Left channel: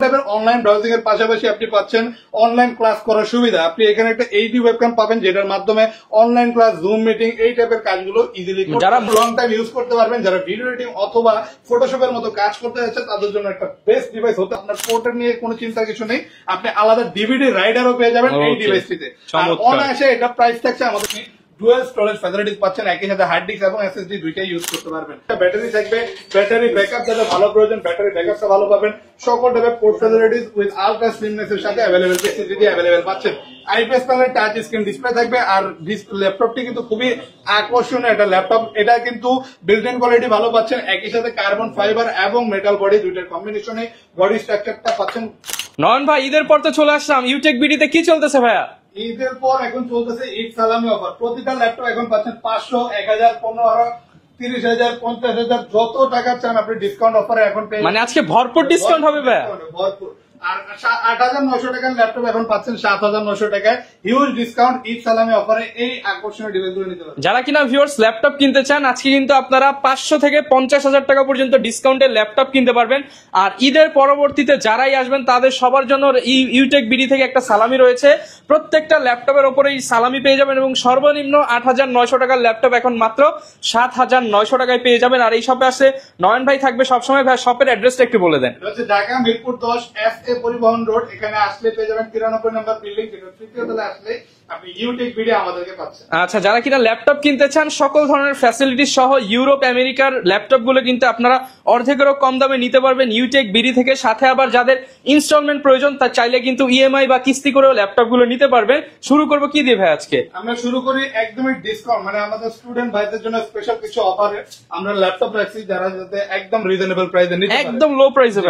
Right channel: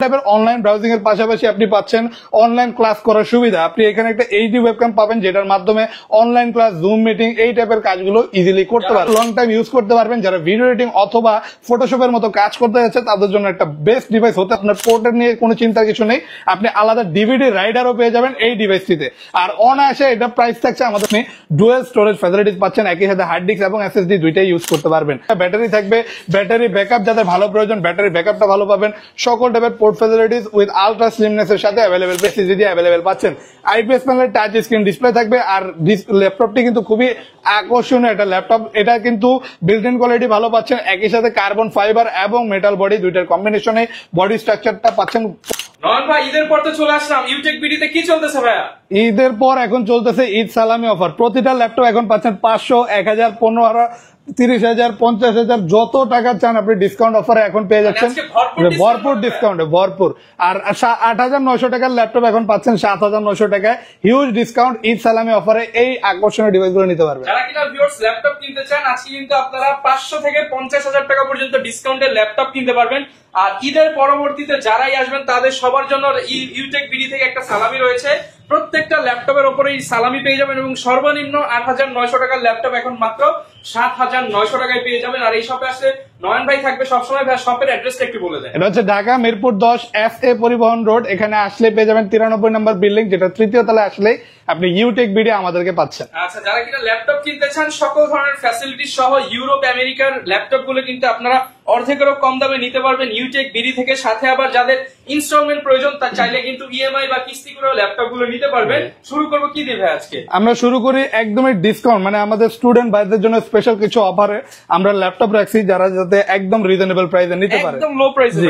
Online browsing এর পাশাপাশি আপনি পাচ্ছেন অনলাইন ক্লাস করার সুবিধা। আপনি এখানে একটা এইচডি ওয়েবক্যাম পাবেন যেটার মাধ্যমে অনলাইন ক্লাস, জুম মিটিং এই টাইপের কাজগুলো ইজিলি করতে পারবেন, লং টাইম ইউজ করতে পারবেন। যারা ভিডিও এডিটিং অথবা ফটোশপের মতো কাজ করতে যাচ্ছে তাদের জন্য একটা বেস্ট ডিভাইস হতে। আপনার পোর্টের নিয়ে কোনো চিন্তার কিছু নেই, আপনি আলাদা ডিভিডি রাইডারও পেয়ে যাবেন এই ডিভাইসটিতে। আর অনায়াসে এটা প্রাইস থাকছে আমাদের ডুয়াল স্টোরেজ ফ্যাসিলিটিস পাচ্ছেন, একই সাথে হার্ড ডিস্ক এবং এসএসডি দুইটাই ইউজ করতে পারবেন। ব্যাটারি থাকবে, ব্যাটারি ব্যাকআপ যাদের ভালো প্রয়োজন ব্যাটারি ব্যাকআপটা ভালো পাবেন। সকল টাইপের port facilities with ultra slimness এর সাথে অ্যাভেলেবল, এসএসডি অ্যাভেলেবল পাচ্ছেন। IPS panel touch screen display থাকবে। আর ল্যাপটপটি কিন্তু খুবই আকর্ষণীয় একটা ল্যাপটপ, এটা কিন্তু বিল্ট ইন কোয়ালিটি ভালো পাচ্ছেন, একই সাথে কার্বন ফাইবার এবং মেটাল বডি দুইটার কম্বিনেশনে বডি স্ট্রাকচারটা পাচ্ছেন। নয়ন ভাই, ঈদের পর তো চলে আসলাম, ইউটেক বিডিতে কি চলতেছে ভাইয়া? ঈদের পর এখন চলতেছে ঈদ সালামি অফার। প্রতিটা ল্যাপটপ এখন পাচ্ছেন 500, 1000, 15,000, 30,000, 50,000 যত টাকা চান আপনি ডিসকাউন্ট অফারে এখন পেয়ে যাচ্ছেন। আজকে ভরপুর ডিসকাউন্ট ভরপুর। আর 8,900 টাকার ল্যাপটপ এখন পাচ্ছেন 7,900 টাকায়, হিউজ ডিসকাউন্ট ঈদ সালামি অফারে এই আকর্ষণীয় ডিভাইস গুলো নিতে পারবেন। যারা কিনা ভিউয়ার্স ল্যাপটপ কিনতে চান আজকে কিন্তু আপনারা 500 থেকে 50,000 টাকা পর্যন্ত ডিসকাউন্টের ল্যাপটপ কিনতে পারবেন। আর ঈদের পরবর্তীতে যারাই আসবেন তাদের সবার জন্য ইউটেক বিডি থেকে একটা সালামি রয়েছে। প্রত্যেকটা ল্যাপটপের উপরেই সালামি পেয়ে যাবেন এবং সর্বনিম্ন 8,900 টাকার ল্যাপটপ এখন মাত্র 7,900 টাকায় পেয়ে যাবেন। আর এই শপে আসলে নয়ন ভাই থাকবে সবসময়। ভাই শপের অ্যাড্রেসটা একটু বলে দেন। এটা হচ্ছে ঢাকা মিরপুর 10 FA পরিবহন রোড। এখানে আসলে পেয়ে যাবেন 93 নম্বর বিল্ডিং, যেটা তৃতীয় তলায় আসলে আপনি ইউটেক বিডি আমাদেরকে পাচ্ছেন। আচ্ছা, যারা কিনা ল্যাপটপ কিনতে চান সকল ধরনের ফ্যাসিলিটি সহ ইউরোপ আমেরিকার ল্যাপটপ গুলো কিন্তু আপনারা অর্ধেকেরও কম দামে নিতে পারবেন ইউটেক বিডি থেকে। সাথে আবার যাদের ইনস্টলমেন্ট প্রয়োজন তার চাইলে কিন্তু ইএমআই বা কিস্তি করেও ল্যাপটপ গুলো নিতে পারবেন। শুরু করবো কি দিয়ে ভাই আজকে? আমরা শুরু করি একদমই ডিসকাউন্ট, মানে আমাদের স্টুডেন্ট ভাইদের জন্য স্পেশাল কিছু অফারে আমরা ল্যাপটপ রাখছি যারা যাতে একদম রিজনেবল প্রাইসে নিতে পারে, একদম লো প্রাইসে।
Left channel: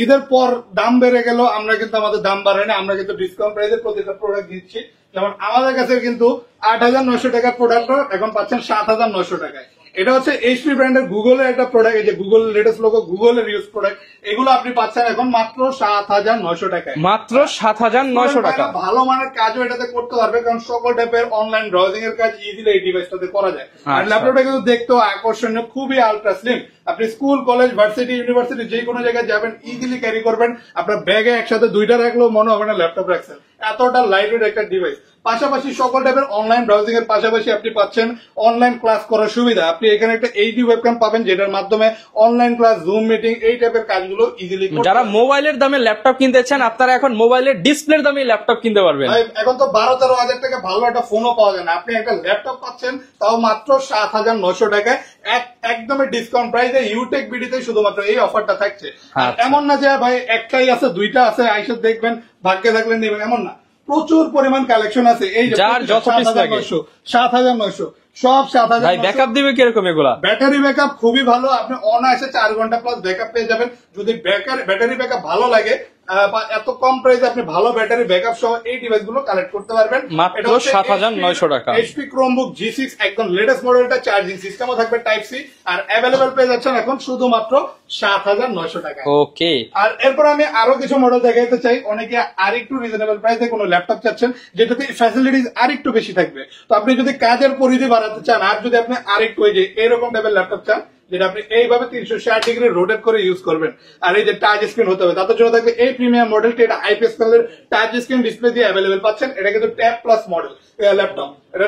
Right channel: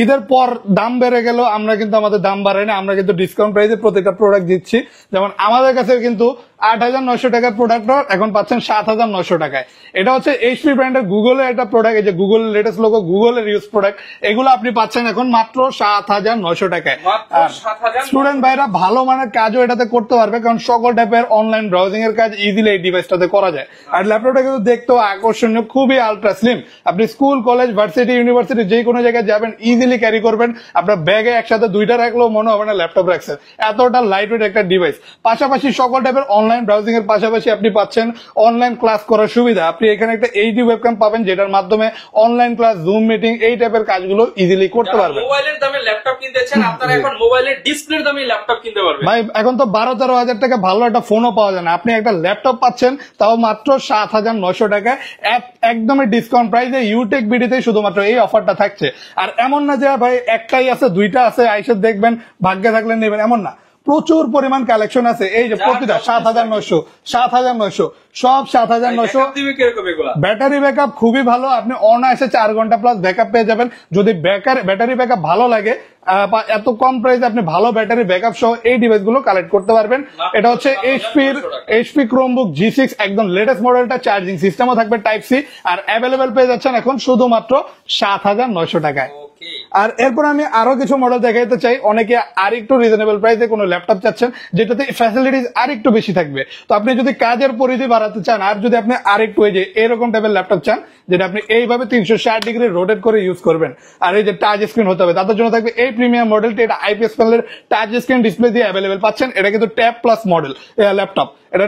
ঈদের পর দাম বেড়ে গেল, আমরা কিন্তু আমাদের দাম বাড়াই না, আমরা কিন্তু ডিসকাউন্ট প্রাইসে প্রত্যেকটা প্রোডাক্ট দিচ্ছি। যেমন আমাদের কাছে কিন্তু 8,900 টাকার প্রোডাক্ট এখন পাচ্ছেন 7,900 টাকায়। এটা হচ্ছে এইচপি ব্র্যান্ডের গুগলের একটা প্রোডাক্ট, এই যে গুগল লেটেস্ট লোগো, গুগলের ইউজ প্রোডাক্ট, এগুলো আপনি পাচ্ছেন এখন মাত্র 7,900 টাকায়। মাত্র 7,900 টাকা। ভালো মানের কাজও এটাতে করতে পারবে, কারণ সকল টাইপের অনলাইন ব্রাউজিং এর কাজ ইজিলি এই ডিভাইসটাতে করা যায়। আর ল্যাপটপটা কিন্তু দেখতেও আকর্ষণীয়, খুবই আলট্রা স্লিম। আপনি স্কুল, কলেজ, ভার্সিটি, ইউনিভার্সিটি যে কোনো জায়গায় যাবেন ইজিলি ক্যারি করবেন। আপনার ব্যাগে একসাথে দুইটা রাখলেও মনে হবে না ল্যাপটপ রাখছেন, এতটা লাইট ওয়েট একটা ডিভাইস। পাশাপাশি সকল টাইপের অনলাইন ব্রাউজিং এর পাশাপাশি আপনি পাচ্ছেন অনলাইন ক্লাস করার সুবিধা। আপনি এখানে একটা এইচডি ওয়েবক্যাম পাবেন যেটার মাধ্যমে অনলাইন ক্লাস, জুম মিটিং এই টাইপের কাজগুলো ইজিলি করতে পারবেন। যারা মোবাইলের দামে ল্যাপটপ কিনতে চান আপনারা এখন মোবাইলের ডিসপ্লের দামে ল্যাপটপ কিনতে পারবেন। ভাই এখন তো 12-13 হাজার টাকা ভালো একটা ফোনও পাওয়া যায় না, আপনি একটা ল্যাপটপ পাচ্ছেন তাও মাত্র 7,900 টাকায় একদমই ডিসকাউন্ট প্রাইসে। ইউটেক বিডিতে শুধুমাত্র এই অফারটা থাকছে। আর এমন না যে ভাই একটাই আছে, দুইটা আছে, আইসা দেখবেন ভাগ্যে থাকলে নেবেন, এমন না, প্রচুর পরিমাণ কালেকশন আছে। এই যে 7,900 সব 7,900 দিবে কিরকম এগুলা? ব্যাটারি ব্যাকআপ খুবই ভালো, আপনি অনায়াসে 4 ঘন্টা প্লাস ব্যাকআপ পেয়ে যাবেন। যদি ব্যাটারি ব্যাকআপ ভালো লাগে, এত কম প্রাইসে আপনি ভালো ব্যাটারি ব্যাকআপ সহ এই ডিভাইস গুলো কালেক্ট করতে পারবেন। এটা হচ্ছে এইচপি ক্রোমবুক G6 একদম লেটেস্ট মডেলটা, চার্জিং সিস্টেমও থাকবে টাইপ সি। আর অ্যাভেলেবল পেয়ে যাচ্ছেন এখন শুধুমাত্র 7,900 টাকায়। ওকে। আর এরপর আমি আরো কিছু মডেল দেখাতে চাই। অনেকে আরেকটু রিজনেবল প্রাইসে কোনো ল্যাপটপ চাচ্ছেন যেটাতে ফ্যাসিলিটিস আরেকটু বেশি থাকবে। তো আপনি যদি কাজের পরিধি বাড়াতে চান, আর যদি আপনি আরেকটু এই যে এরকম টাইপের ল্যাপটপ চান যেটা আপনি এইভাবে 360 ডিগ্রি রোটেট করে ইউজ করবেন, আর এই যে টাচ স্ক্রিন হতে হবে, তাদের জন্য থাকবে এই প্রিমিয়াম মডেলটি। এটা আইপিএস প্যানেলের টাচ স্ক্রিন ডিসপ্লে দিয়ে অ্যাভেলেবল পাচ্ছেন। এটা কিন্তু ট্যাব প্লাস মডেল ল্যাপটপ, এটা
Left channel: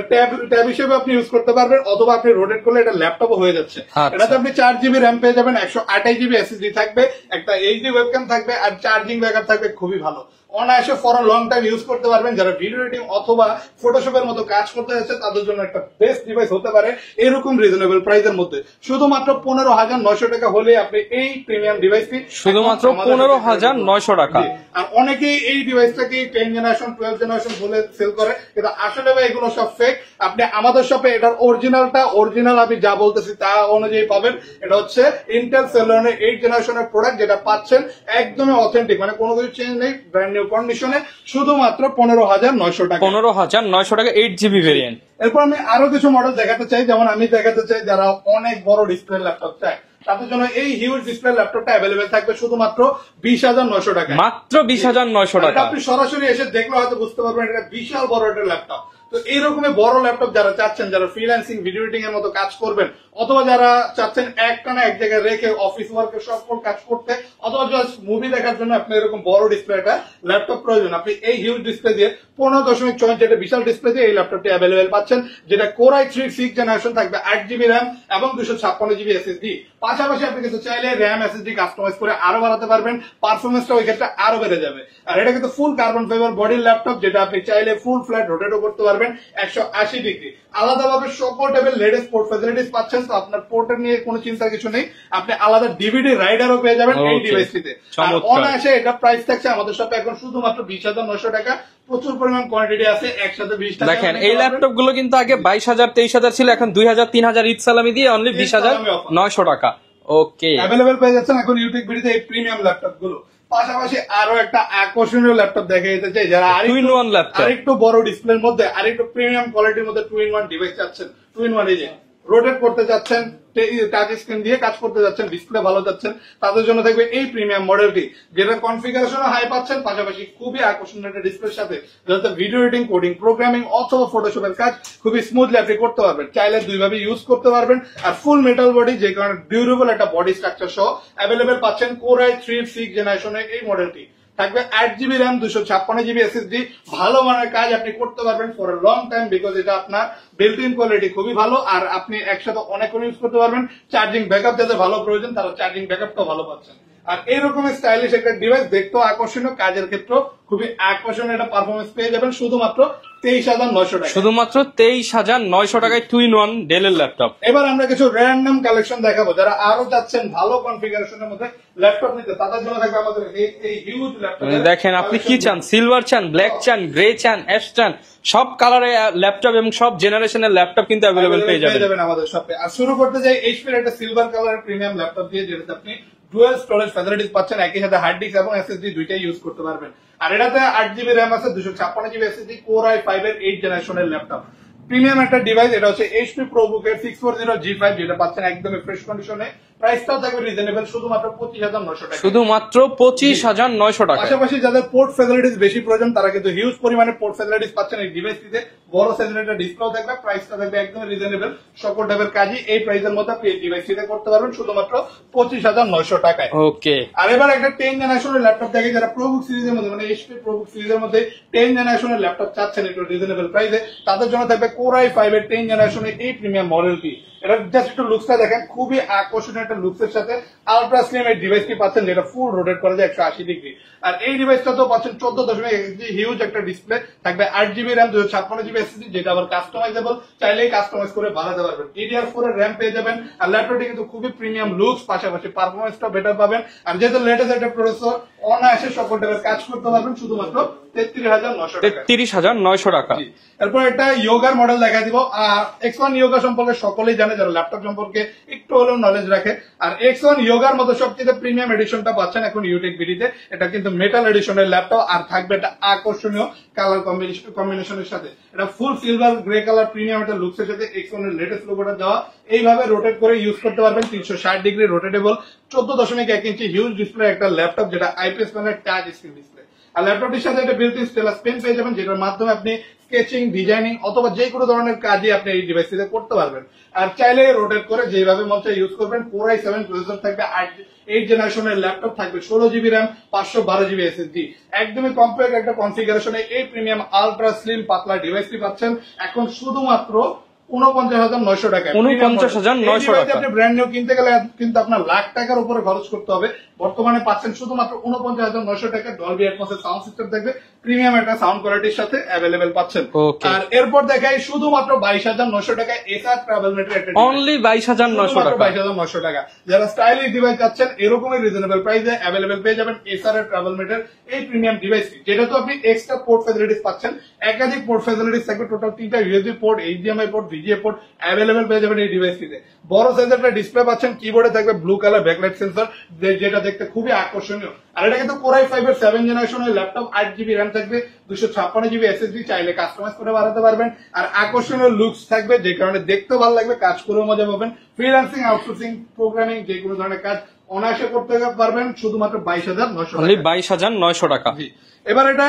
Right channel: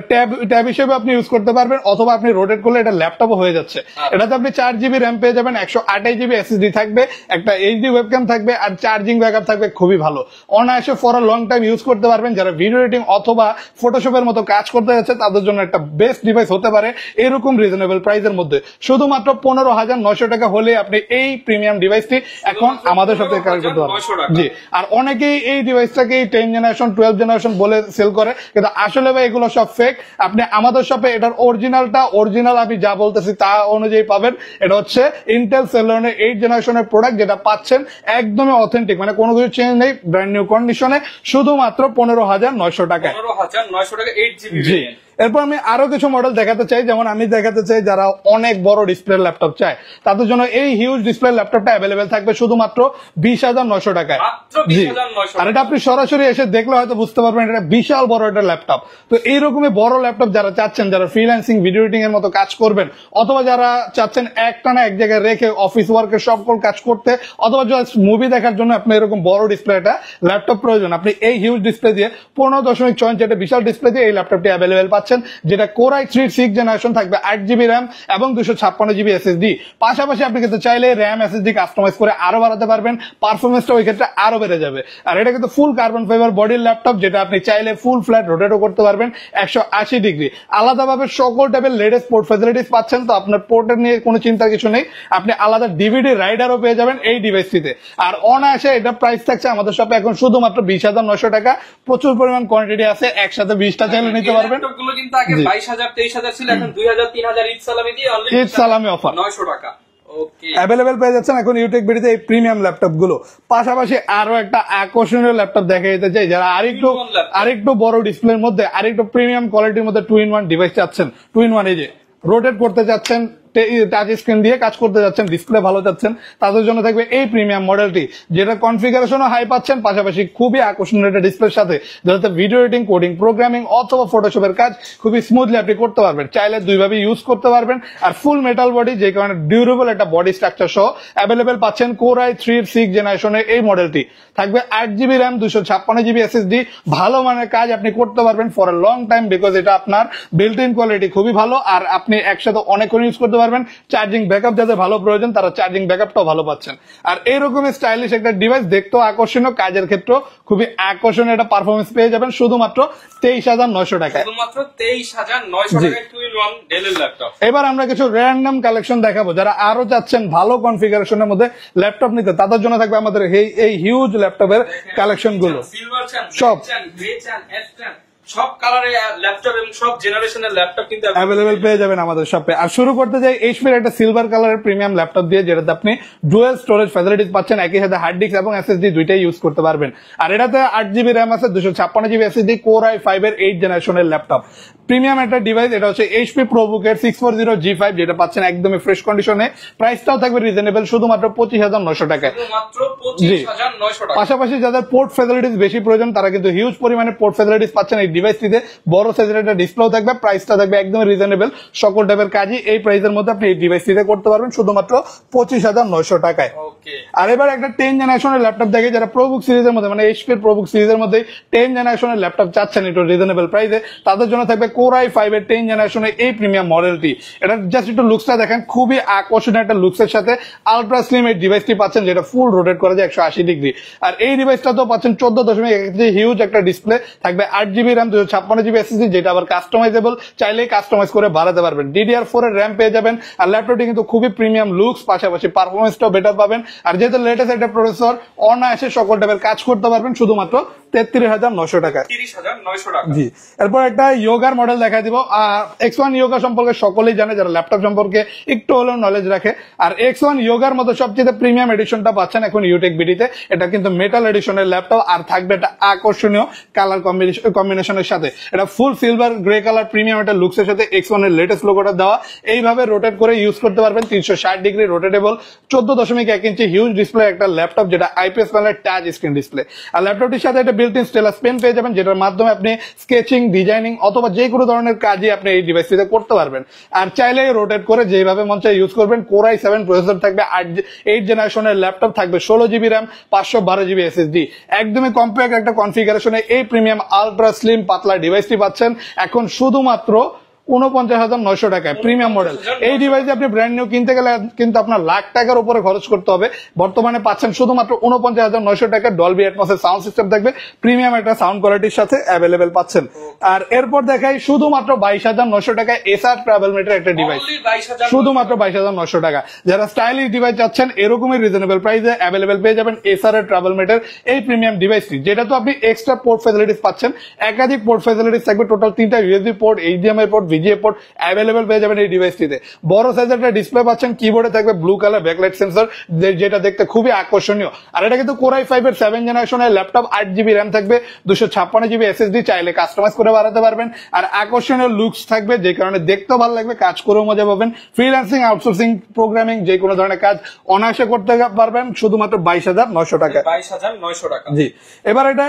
ট্যাব হিসেবে আপনি ইউজ করতে পারবেন, অথবা আপনি রোটেট করলে এটা ল্যাপটপও হয়ে যাচ্ছে। এটাতে আপনি 4GB র্যাম পেয়ে যাবেন, 128GB এসএসডি থাকবে, একটা এইচডি ওয়েবক্যাম থাকবে, আর চার্জিং ব্যাকআপ থাকবে খুবই ভালো। অনায়াসে for a long time use করতে পারবেন। যারা ভিডিও এডিটিং অথবা ফটোশপের মতো কাজ করতে যাচ্ছে তাদের জন্য একটা বেস্ট ডিভাইস হতে পারে এরকম রিজনেবল প্রাইসের মধ্যে। শুধুমাত্র 15,900 টাকা হলে আপনি এই প্রিমিয়াম ডিভাইসটি আমাদের সাথে 15,900 টাকা। আর অনেকেই এই ডিভাইসটাকে 10 জেনারেশন 12 জেনারেশন বলে সেল করে, কিন্তু আসলে ভাই এগুলো সব ফেক। আপনি আমাদের শপে এটার অরিজিনাল আমি যা বলতেছি তা অনুযায়ী পাবেন। এটা হচ্ছে ইন্টেল সেলেরনের 8 জেনারেশনের প্রোডাক্ট, যেটা পাচ্ছেন একদমই অথেন্টিক, মানে কোনো কিছু চেঞ্জ নেই, ব্র্যান্ড নিউ কন্ডিশনে, শুধুমাত্র 15,900 টাকা। 15,900 টাকা 8GB ভেরিয়েন্ট। এরপর আমি আরো কিছু মডেল দেখাতে চাই, যেমন আমি দেখাতে চাই যারা অনেক বড় ডিসপ্লে ল্যাপটপ চায় তাদের জন্য এই হিউজ ডিসপ্লে ল্যাপটপটা অ্যাভেলেবেল থাকবে শুধুমাত্র 20,900 টাকায়। মাত্র 20,900 আর এটা টাকা। আপনি সরাসরি এসে দেখলে হয়তো বুঝতে পারবেন এটা বিশাল বড় একটা ল্যাপটপ। তো এইরকমই বড় ল্যাপটপ যারা চাচ্ছেন, যারা ফ্রিল্যান্সিং ভিডিও এডিটিং এর মতো কাজ করবেন, অথবা যারা চাচ্ছেন একটানা এক জায়গায় রেখে অফিস ওয়ার্কের সকল কাজ করতে, অথবা জাস্ট মুভি দেখার জন্য আপনি এরকম বড় ডিসপ্লে একটা ল্যাপটপ প্রয়োজন, আপনি এই হিউজ ডিসপ্লে দিয়ে 15.6 ইঞ্চি একটা বিশাল ডিসপ্লে দিয়ে এই ল্যাপটপটি অ্যাভেলেবেল পাচ্ছেন, যেটা Core i3 6th জেনারেশন থাকবে, 8GB র্যাম এবং 256GB SSD। পাশাপাশি আপনি কিন্তু চাইলে র্যাম SSD কাস্টমাইজ করে আরো বাড়াতে পারবেন, পারফরমেন্সটা ওই ক্ষেত্রে আরো বেড়ে যাবে। আর এটা কিন্তু ফুল কার্বন ফাইবার বডির ল্যাপটপ, যেটা আপনি চাইলে ফুল ফ্ল্যাট রোটেটও করতে পারবেন 180 ডিগ্রি। আলাদাভাবে সকল টাইপের লেটেস্ট পোর্ট ফ্যাসিলিটিস পাচ্ছেন, তো আপনার পোর্টের নিয়ে কোনো চিন্তার কিছু নেই। আপনি আলাদা ডিভিডি রাইডারও পেয়ে যাবেন এই ডিভাইসটিতে। আর অনায়াসে এটা প্রাইস থাকছে আমাদের শপে এখন শুধুমাত্র 20,900 টাকা। প্রচুর পরিমাণ কোয়ান্টিটি আছে, একসাথে 20টা চাইলে নিতে এই পারবেন। ল্যাপটপ গুলো কিন্তু আগে 22,000 23,000 ছিল, এখন 2,000 3,000 ঈদ সালামি দিয়ে অনলি ঈদ সালামি offer। 20,900 টাকা। ওকে, অ্যাভেলেবেল পেয়ে যাচ্ছেন এখন ইউটেক বিডিতে এই প্রিমিয়াম ল্যাপটপ গুলো। পাশাপাশি আরো একটা আকর্ষণীয় ল্যাপটপ দেখে যেতে চাই, যারা Two-in-one laptop। আরেকটু বড় ডিসপ্লের মধ্যে আরেকটু প্রিমিয়াম কোয়ালিটির মধ্যে 2-in-1 ডিভাইস চাচ্ছেন, 2-in-1 এই যে রোটেট করতে যাচ্ছেন, টাচ স্ক্রিন দিয়ে কাজ করতে যাচ্ছেন, ডিসপ্লে ভালো যাচ্ছেন, তাদের জন্য থাকবে এই প্রিমিয়াম মডেলটি, যেটা কনফিগারেশনও হাই পাচ্ছেন, পাশাপাশি খুবই আকর্ষণীয় একটা ডিসপ্লের সাথে, যাতে ভিডিও এডিটিং, কোডিং, প্রোগ্রামিং অথবা ফটোশপের কাজ খুবই স্মুথলি আপনি করতে পারবেন। চাইলে দুইভাবে ইউজ করতে পারবেন। আর ফুল মেটাল বডি, যে কারণে ডিউরেবল একটা বডি স্ট্রাকচার সহ অ্যাভেলেবেল পাচ্ছেন Core i3 6th জেনারেশনের এই মডেলটি। থাকবে 8GB র্যাম, 256GB SSD। ভালো মানের কাজ আপনি করতে পারবেন for a long time, because এটা আপনার বিল্ট ইন কোয়ালিটি খুবই ভালো, আর আপনি একসাথে অনেকক্ষণ ইউজ করতে পারবেন। চার্জিং ব্যাকআপ যাদের ভালো প্রয়োজন তারা চার্জিং ব্যাকআপটাও ভালো পাচ্ছেন। আর এইরকম স্টাইলিশ একটা ডিভাইস, দেখতেও আকর্ষণীয়, কাজের ক্ষেত্রেও খুবই আকর্ষণীয় একটা পারফরমেন্স পেয়ে যাবেন শুধুমাত্র 23,900 টাকা। শুধুমাত্র 23,900 টাকায় 2-in-1 ডেলের ল্যাপটপ। এবার আমরা কিছু র্যান্ডম কালেকশন দেখাবো, যারা আরো চাচ্ছেন ভালো কনফিগারেশনের মধ্যে ল্যাপটপ নিতে, তাদের জন্য থাকবে আমাদের এই হিউজ ল্যাপটপের দেখেন আপনি কালেকশন। কি চান, সিলভার চান, ব্ল্যাক চান, গ্রে চান, অ্যাশ চান, সব কালারের ল্যাপটপ এবং সব জেনারেশনের ল্যাপটপ কিন্তু অ্যাভেলেবল পেয়ে যাবেন আমাদের শপে। আর শুরু করতে যাই এইচপির একটা সিলভার কালারের প্রিমিয়াম ল্যাপটপ দিয়ে, যেটাতে আপনি ডুয়াল স্টোরেজ ফ্যাসিলিটিস পাচ্ছেন, একই সাথে হার্ড ডিস্ক এবং এসএসডি দুইটাই ইউজ করতে পারবেন। আর এটাতে 8GB র্যাম আছে, 256GB SSD, Core i5 এর 8th জেনারেশনের ল্যাপটপ। প্রিমিয়াম একটা ডিভাইস, এটা হচ্ছে এইচপি প্রোবুকের 640G5, যেটা পাচ্ছেন একদমই ফ্রেশ কন্ডিশনে। প্রাইসটাও থাকবে রিজনেবল, শুধুমাত্র 25,900 টাকা। শুধুমাত্র 25,900 টাকা। পাশাপাশি যাদের পোর্ট ফ্যাসিলিটিস বেশি প্রয়োজন, তারা কিন্তু হিউজ পরিমাণে পোর্ট ফ্যাসিলিটিস পাচ্ছেন এই ডিভাইসটিতে। বড় সাইজের একটা ডিসপ্লেও থাকবে, প্রাইসটা থাকবে একদমই রিজনেবল। সকল টাইপের কাজই এই প্রাইসের মধ্যে আপনি এই ডিভাইসটিতে করতে পারবেন শুধুমাত্র 25,900 টাকায়। ওকে, আর এবার একটা 10 জেনারেশনের ল্যাপটপ দেখে, যারা প্রোবুক সিরিজের মধ্যে মানে এইচপি প্রোবুক সিরিজের মধ্যে 10 জেনারেশনের ল্যাপটপ চাচ্ছেন একটু রিজনেবল প্রাইসে, তাদের জন্য থাকবে Core i5 এর 10 জেনারেশনের এই প্রিমিয়াম মডেলটি। এটা জাস্ট একটু লুকসটা দেখেন, খুবই আকর্ষণীয় একটা লুকসের সাথে আলট্রা স্লিম এই ডিভাইসটি পাচ্ছেন, যেটা ফুল রোটেট করা যায় 180 ডিগ্রি। আর এই ডিভাইসটা তো পাচ্ছেন 14.1 হিউজ একটা ডিসপ্লে, থাকবে 8GB র্যাম, 256GB SSD, যেটা আবার কাস্টমাইজেবল, চাইলেই কাস্টমাইজ করে বাড়াতে পারবেন। DDR4 এর র্যাম পেয়ে যাবেন। আর ল্যাপটপটি কিন্তু খুবই প্রিমিয়াম লুকস, পাশাপাশি পারফরমেন্সটাও বেটার পাবেন। আর যেহেতু লেটেস্ট একটা প্রসেসর, অনায়াসে সকল টাইপের কাজ করতে পারবেন শুধুমাত্র 33,900 টাকা। 33,900 টাকা। জি, এরপর একটা ইয়োগার মডেল দেখা দিব। X1 ইয়োগা সম্পর্কে সকলেই জানে, যারা ল্যাপটপ সম্পর্কে একটু হলেও নলেজ রাখে। আর X1 ইয়োগার মতো সবচেয়ে প্রিমিয়াম এডিশনটা পাচ্ছেন এখন ইউটেক বিডিতে। এটা কিন্তু মেটাল এডিশনের ল্যাপটপ, আর থাকবে একটা আকর্ষণীয় কালার কম্বিনেশনের সাথে। এটা ফুল সিলভার গ্রে কালার প্রিমিয়াম একটা লুকসের সাথে X1 এর লেটেস্ট লোগোটা দেওয়া। এইভাবে রোটেট করে ইউজ করতে পারবেন, 360 ডিগ্রি রোটেটেবল, 14.1 ইঞ্চি হিউজ ডিসপ্লে একটা ল্যাপটপ, যেটা আইপিএস প্যানেলের টাচ স্ক্রিন ডিসপ্লে। আর ল্যাপটপটির সাথে একটা বিল্ট ইন স্টেলাস পেন পেয়ে যাবেন, যেটার মাধ্যমে আপনি স্কেচিং, ডিজাইনিং অথবা যে কোনো ধরনের কাজই আপনি এই ডিভাইসটিতে করতে পারবেন। আর চাইলে রোটেট করে যেভাবে মন চায় ইউজ করবেন। Core i7 প্রসেসর থাকবে, 8 জেনারেশনের ল্যাপটপ থাকবে, 16GB র্যাম, 512GB SSD। একদমই কম্প্যাক্ট একটা কনফিগারেশনে এই প্রিমিয়াম আলট্রা স্লিম পাতলা ডিভাইসটি পাচ্ছেন এখন শুধুমাত্র 49,900 টাকায়। Premium model. এই ডিভাইস আপনি ব্র্যান্ড নিউ কিনতে গেলে কিন্তু আপনার লাখ টাকার উপরে খরচ করতে হবে। বর্তমানে পাচ্ছেন শুধুমাত্র 49,900 টাকা। ডলবি অ্যাটমসের সাউন্ড সিস্টেম থাকবে, প্রিমিয়াম একটা সাউন্ড কোয়ালিটির সাথে অ্যাভেলেবেল পাচ্ছেন। আর এরপর দেখাই শুধুমাত্র 22,900 টাকায় এসআর ট্রাভেল মেটের একটা ডিভাইস, অনলি 22,900 শুধুমাত্র 22,900 টাকা। যারা স্টাইলিশ ডিভাইস চাচ্ছেন এরকমই রিজনেবল প্রাইসে অ্যাভেলেবেল পেয়ে যাবেন এসআর এর ট্রাভেল মেটের এই প্রিমিয়াম ডিভাইসটি, যেটা তো আপনি এক্সট্রা পোর্ট ফ্যাসিলিটিস পাচ্ছেন। একাধিক পোর্ট ফ্যাসিলিটিস থাকবে, টোটাল 3টা USB port, HDMI port, VGA port available পেয়ে যাবেন এই ডিভাইসটিতে। বড় সাইজের একটা ডিসপ্লে পাচ্ছেন, কিবোর্ডে থাকবে ব্লু কালার ব্যাকলাইট সেন্সর, যেটা দেখতে খুবই আকর্ষণীয়। আর এটা কিন্তু Core i5 এর 7 জেনারেশনের ল্যাপটপ, 8GB র্যাম থাকবে, 256GB SSD, চাইলে কাস্টমাইজ করে বাড়াতে পারবেন। আর আকর্ষণীয় লুকস থাকবে, যে কারণে দেখতেও ভালো লাগবে, কাজ করেও মজা পাবেন। ফ্রিল্যান্সিং, আউটসোর্সিং, প্রোগ্রামিং, যে কোনো ধরনের কাজ অনায়াসে করতে পারবেন শুধুমাত্র 22,900 টাকা। 22,900 টাকা। জি, এবার এটা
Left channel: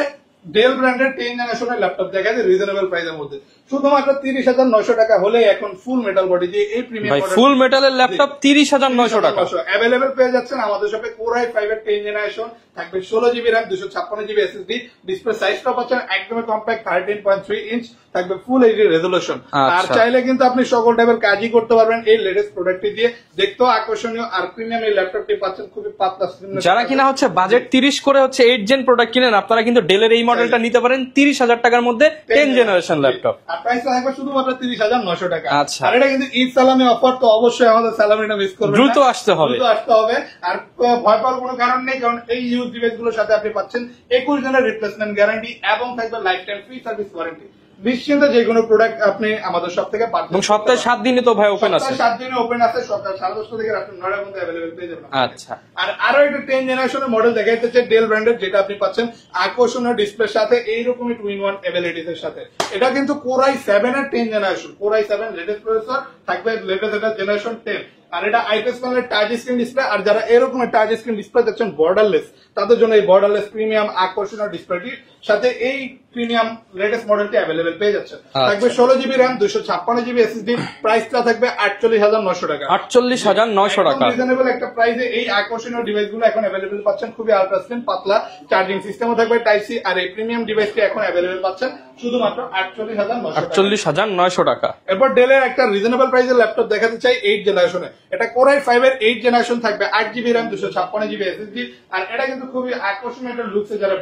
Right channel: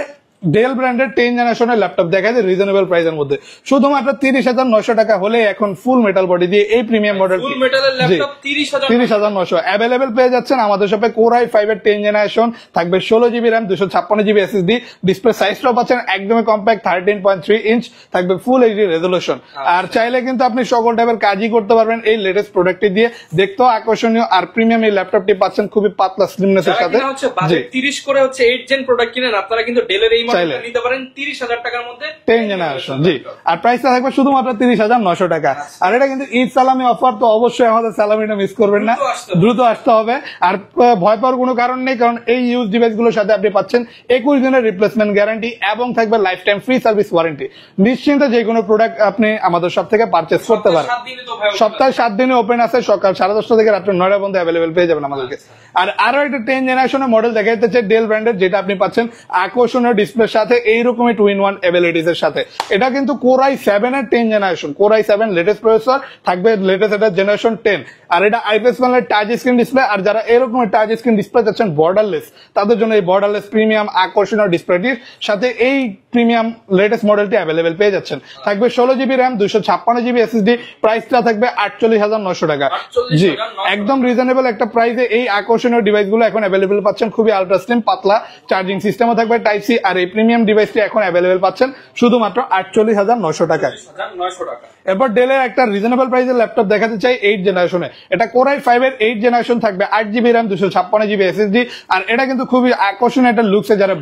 ডেল ব্র্যান্ডের 10 জেনারেশনের ল্যাপটপ দেখা যায় রিজনেবল প্রাইসের মধ্যে, শুধুমাত্র 30,900 টাকা হলে এখন ফুল মেটাল বডি দিয়ে এই প্রিমিয়াম মডেল, ফুল মেটালের ল্যাপটপ 30,900 অ্যাভেলেবেল পেয়ে যাচ্ছেন আমাদের শপে। Core i5 এর 10 জেনারেশন থাকবে, 16GB RAM, 256GB SSD, display সাইজটাও পাচ্ছেন একদমই কম্প্যাক্ট, 13.3 ইঞ্চ, থাকবে ফুল এইচডি রেজোলিউশন। আর চাইলে কিন্তু আপনি সকল টাইপের কাজই করতে পারবেন এই লেটেস্ট প্রোডাক্টটি দিয়ে, দেখতেও আকর্ষণীয়। আর প্রিমিয়াম এই ল্যাপটপটি পাচ্ছেন খুবই পাতলা স্লিমনেস এর যারা সাথে। কিনা হচ্ছে বাজেট 30 করে হচ্ছে 8 জেন প্রোডাক্ট কিনেন, আপনারা কিন্তু ডেলের এই মডেলটা নিতে পারেন 30,000 টাকার মধ্যে 10 জেনারেশন ল্যাপটপ। আর প্রাইসটা থাকবে শুধুমাত্র 30,900 টাকা। আচ্ছা। আর এটা কিন্তু ঈদ সালামি অফার, তো অবশ্যই আমাদের সালামিটা মিস করবেন না, দ্রুত আসতে হবে। দ্রুত আসতে হবে। আর ভয় পাওয়ার কোনো কারণ নেই, কারণ এই ইউজ ডিভাইস গুলোর সাথে আপনি পাচ্ছেন 21 দিনের রিপ্লেসমেন্ট গ্যারান্টি এবং থাকবে life time free service warranty. নিশ্চিন্তে যে কোনো প্রোডাক্ট আপনি আমাদের সব থেকে পারচেজ করতে সপ্তাহে পারেন। 7 দিনে তো ভাই ওপেন সপ্তাহে আছে। 7 দিনে ওপেন আছে, সকাল 10:30 থেকে রাত্রে 9টা পর্যন্ত অ্যাভেলেবেল পেয়ে যাবেন আমাদের কাছে। আর আরো একটা 10 জেনারেশনের মডেল দেখাইতেছে ডেল ব্র্যান্ডের, যেটা আপনি পাচ্ছেন আকর্ষণীয় ডিসপ্লের সাথে, এইরকমই 2-in-1 এবিলিটিস এর সাথে। এটা কিন্তু Core i7 এর 10 generation, Core i7 latest processor থাকবে, লেটেস্ট এটা জেনারেশন 10। আর এটা আইপিএস প্যানেলের টাচ স্ক্রিন ডিসপ্লে। আর যারা এরকম টাচ স্ক্রিন ডিসপ্লে চাচ্ছেন বর্ডারলেস, তাদের জন্য এই বর্ডারলেস প্রিমিয়াম আকর্ষণীয় ডিসপ্লেটির সাথে এই প্রিমিয়াম লেটেস্ট মডেলটি অ্যাভেলেবেল পেয়ে যাচ্ছেন। থাকবে 16GB র্যাম, 256GB SSD, প্রাইসটা থাকবে 48,900 টাকা। 48,900 একদম টাকা। রিজনেবল একটা প্রাইসে এই আকর্ষণীয় ডিভাইস গুলো এখন অ্যাভেলেবেল পাচ্ছেন। খুবই আলট্রা স্লিম, পাতলা চার্জিং সিস্টেমও থাকবে টাইপ সি। আর এই প্রিমিয়াম ডিভাইসটি এখন অ্যাভেলেবেল পাচ্ছেন শুধুমাত্র 48,900 টাকা। 48,900 টাকা। এরপর ডেলের একটা রিজনেবল প্রাইসের ল্যাপটপ দেখাতে চাই 8 জেনারেশনে। এটা Core i5 এর 8 জেনারেশন থাকবে, 8GB র্যাম, 256GB SSD। আর এটা কিন্তু খুবই আকর্ষণীয় একটা লুকসে, যারা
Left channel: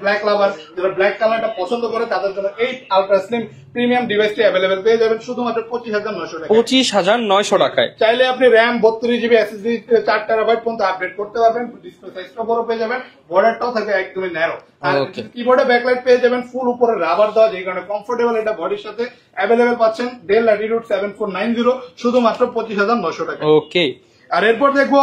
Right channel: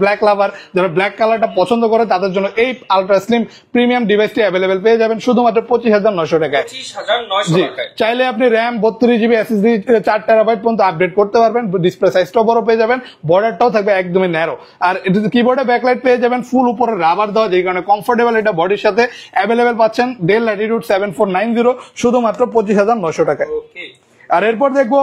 ব্ল্যাক লাভার, যারা ব্ল্যাক কালারটা পছন্দ করে তাদের জন্য এই আলট্রা স্লিম প্রিমিয়াম ডিভাইসটি অ্যাভেলেবেল পেয়ে যাবেন শুধুমাত্র 25,900 টাকা। 25,900 টাকায়। চাইলে আপনি র্যাম, 32GB SSD, 4 টেরাবাইট পর্যন্ত আপডেট করতে পারবেন। ডিসপ্লে সাইজটাও বড় পেয়ে যাবেন, বর্ডারটাও থাকবে একদমই ন্যারো। আর কিবোর্ডে ব্যাকলাইট পেয়ে যাবেন, ফুল উপরে রাবার দেওয়া, যেই কারণে কমফোর্টেবল এটা বডির সাথে। অ্যাভেলেবেল পাচ্ছেন ডেল ল্যাটিটিউড 7490 শুধুমাত্র 25,900 টাকা। ওকে। আর এরপর দেখবো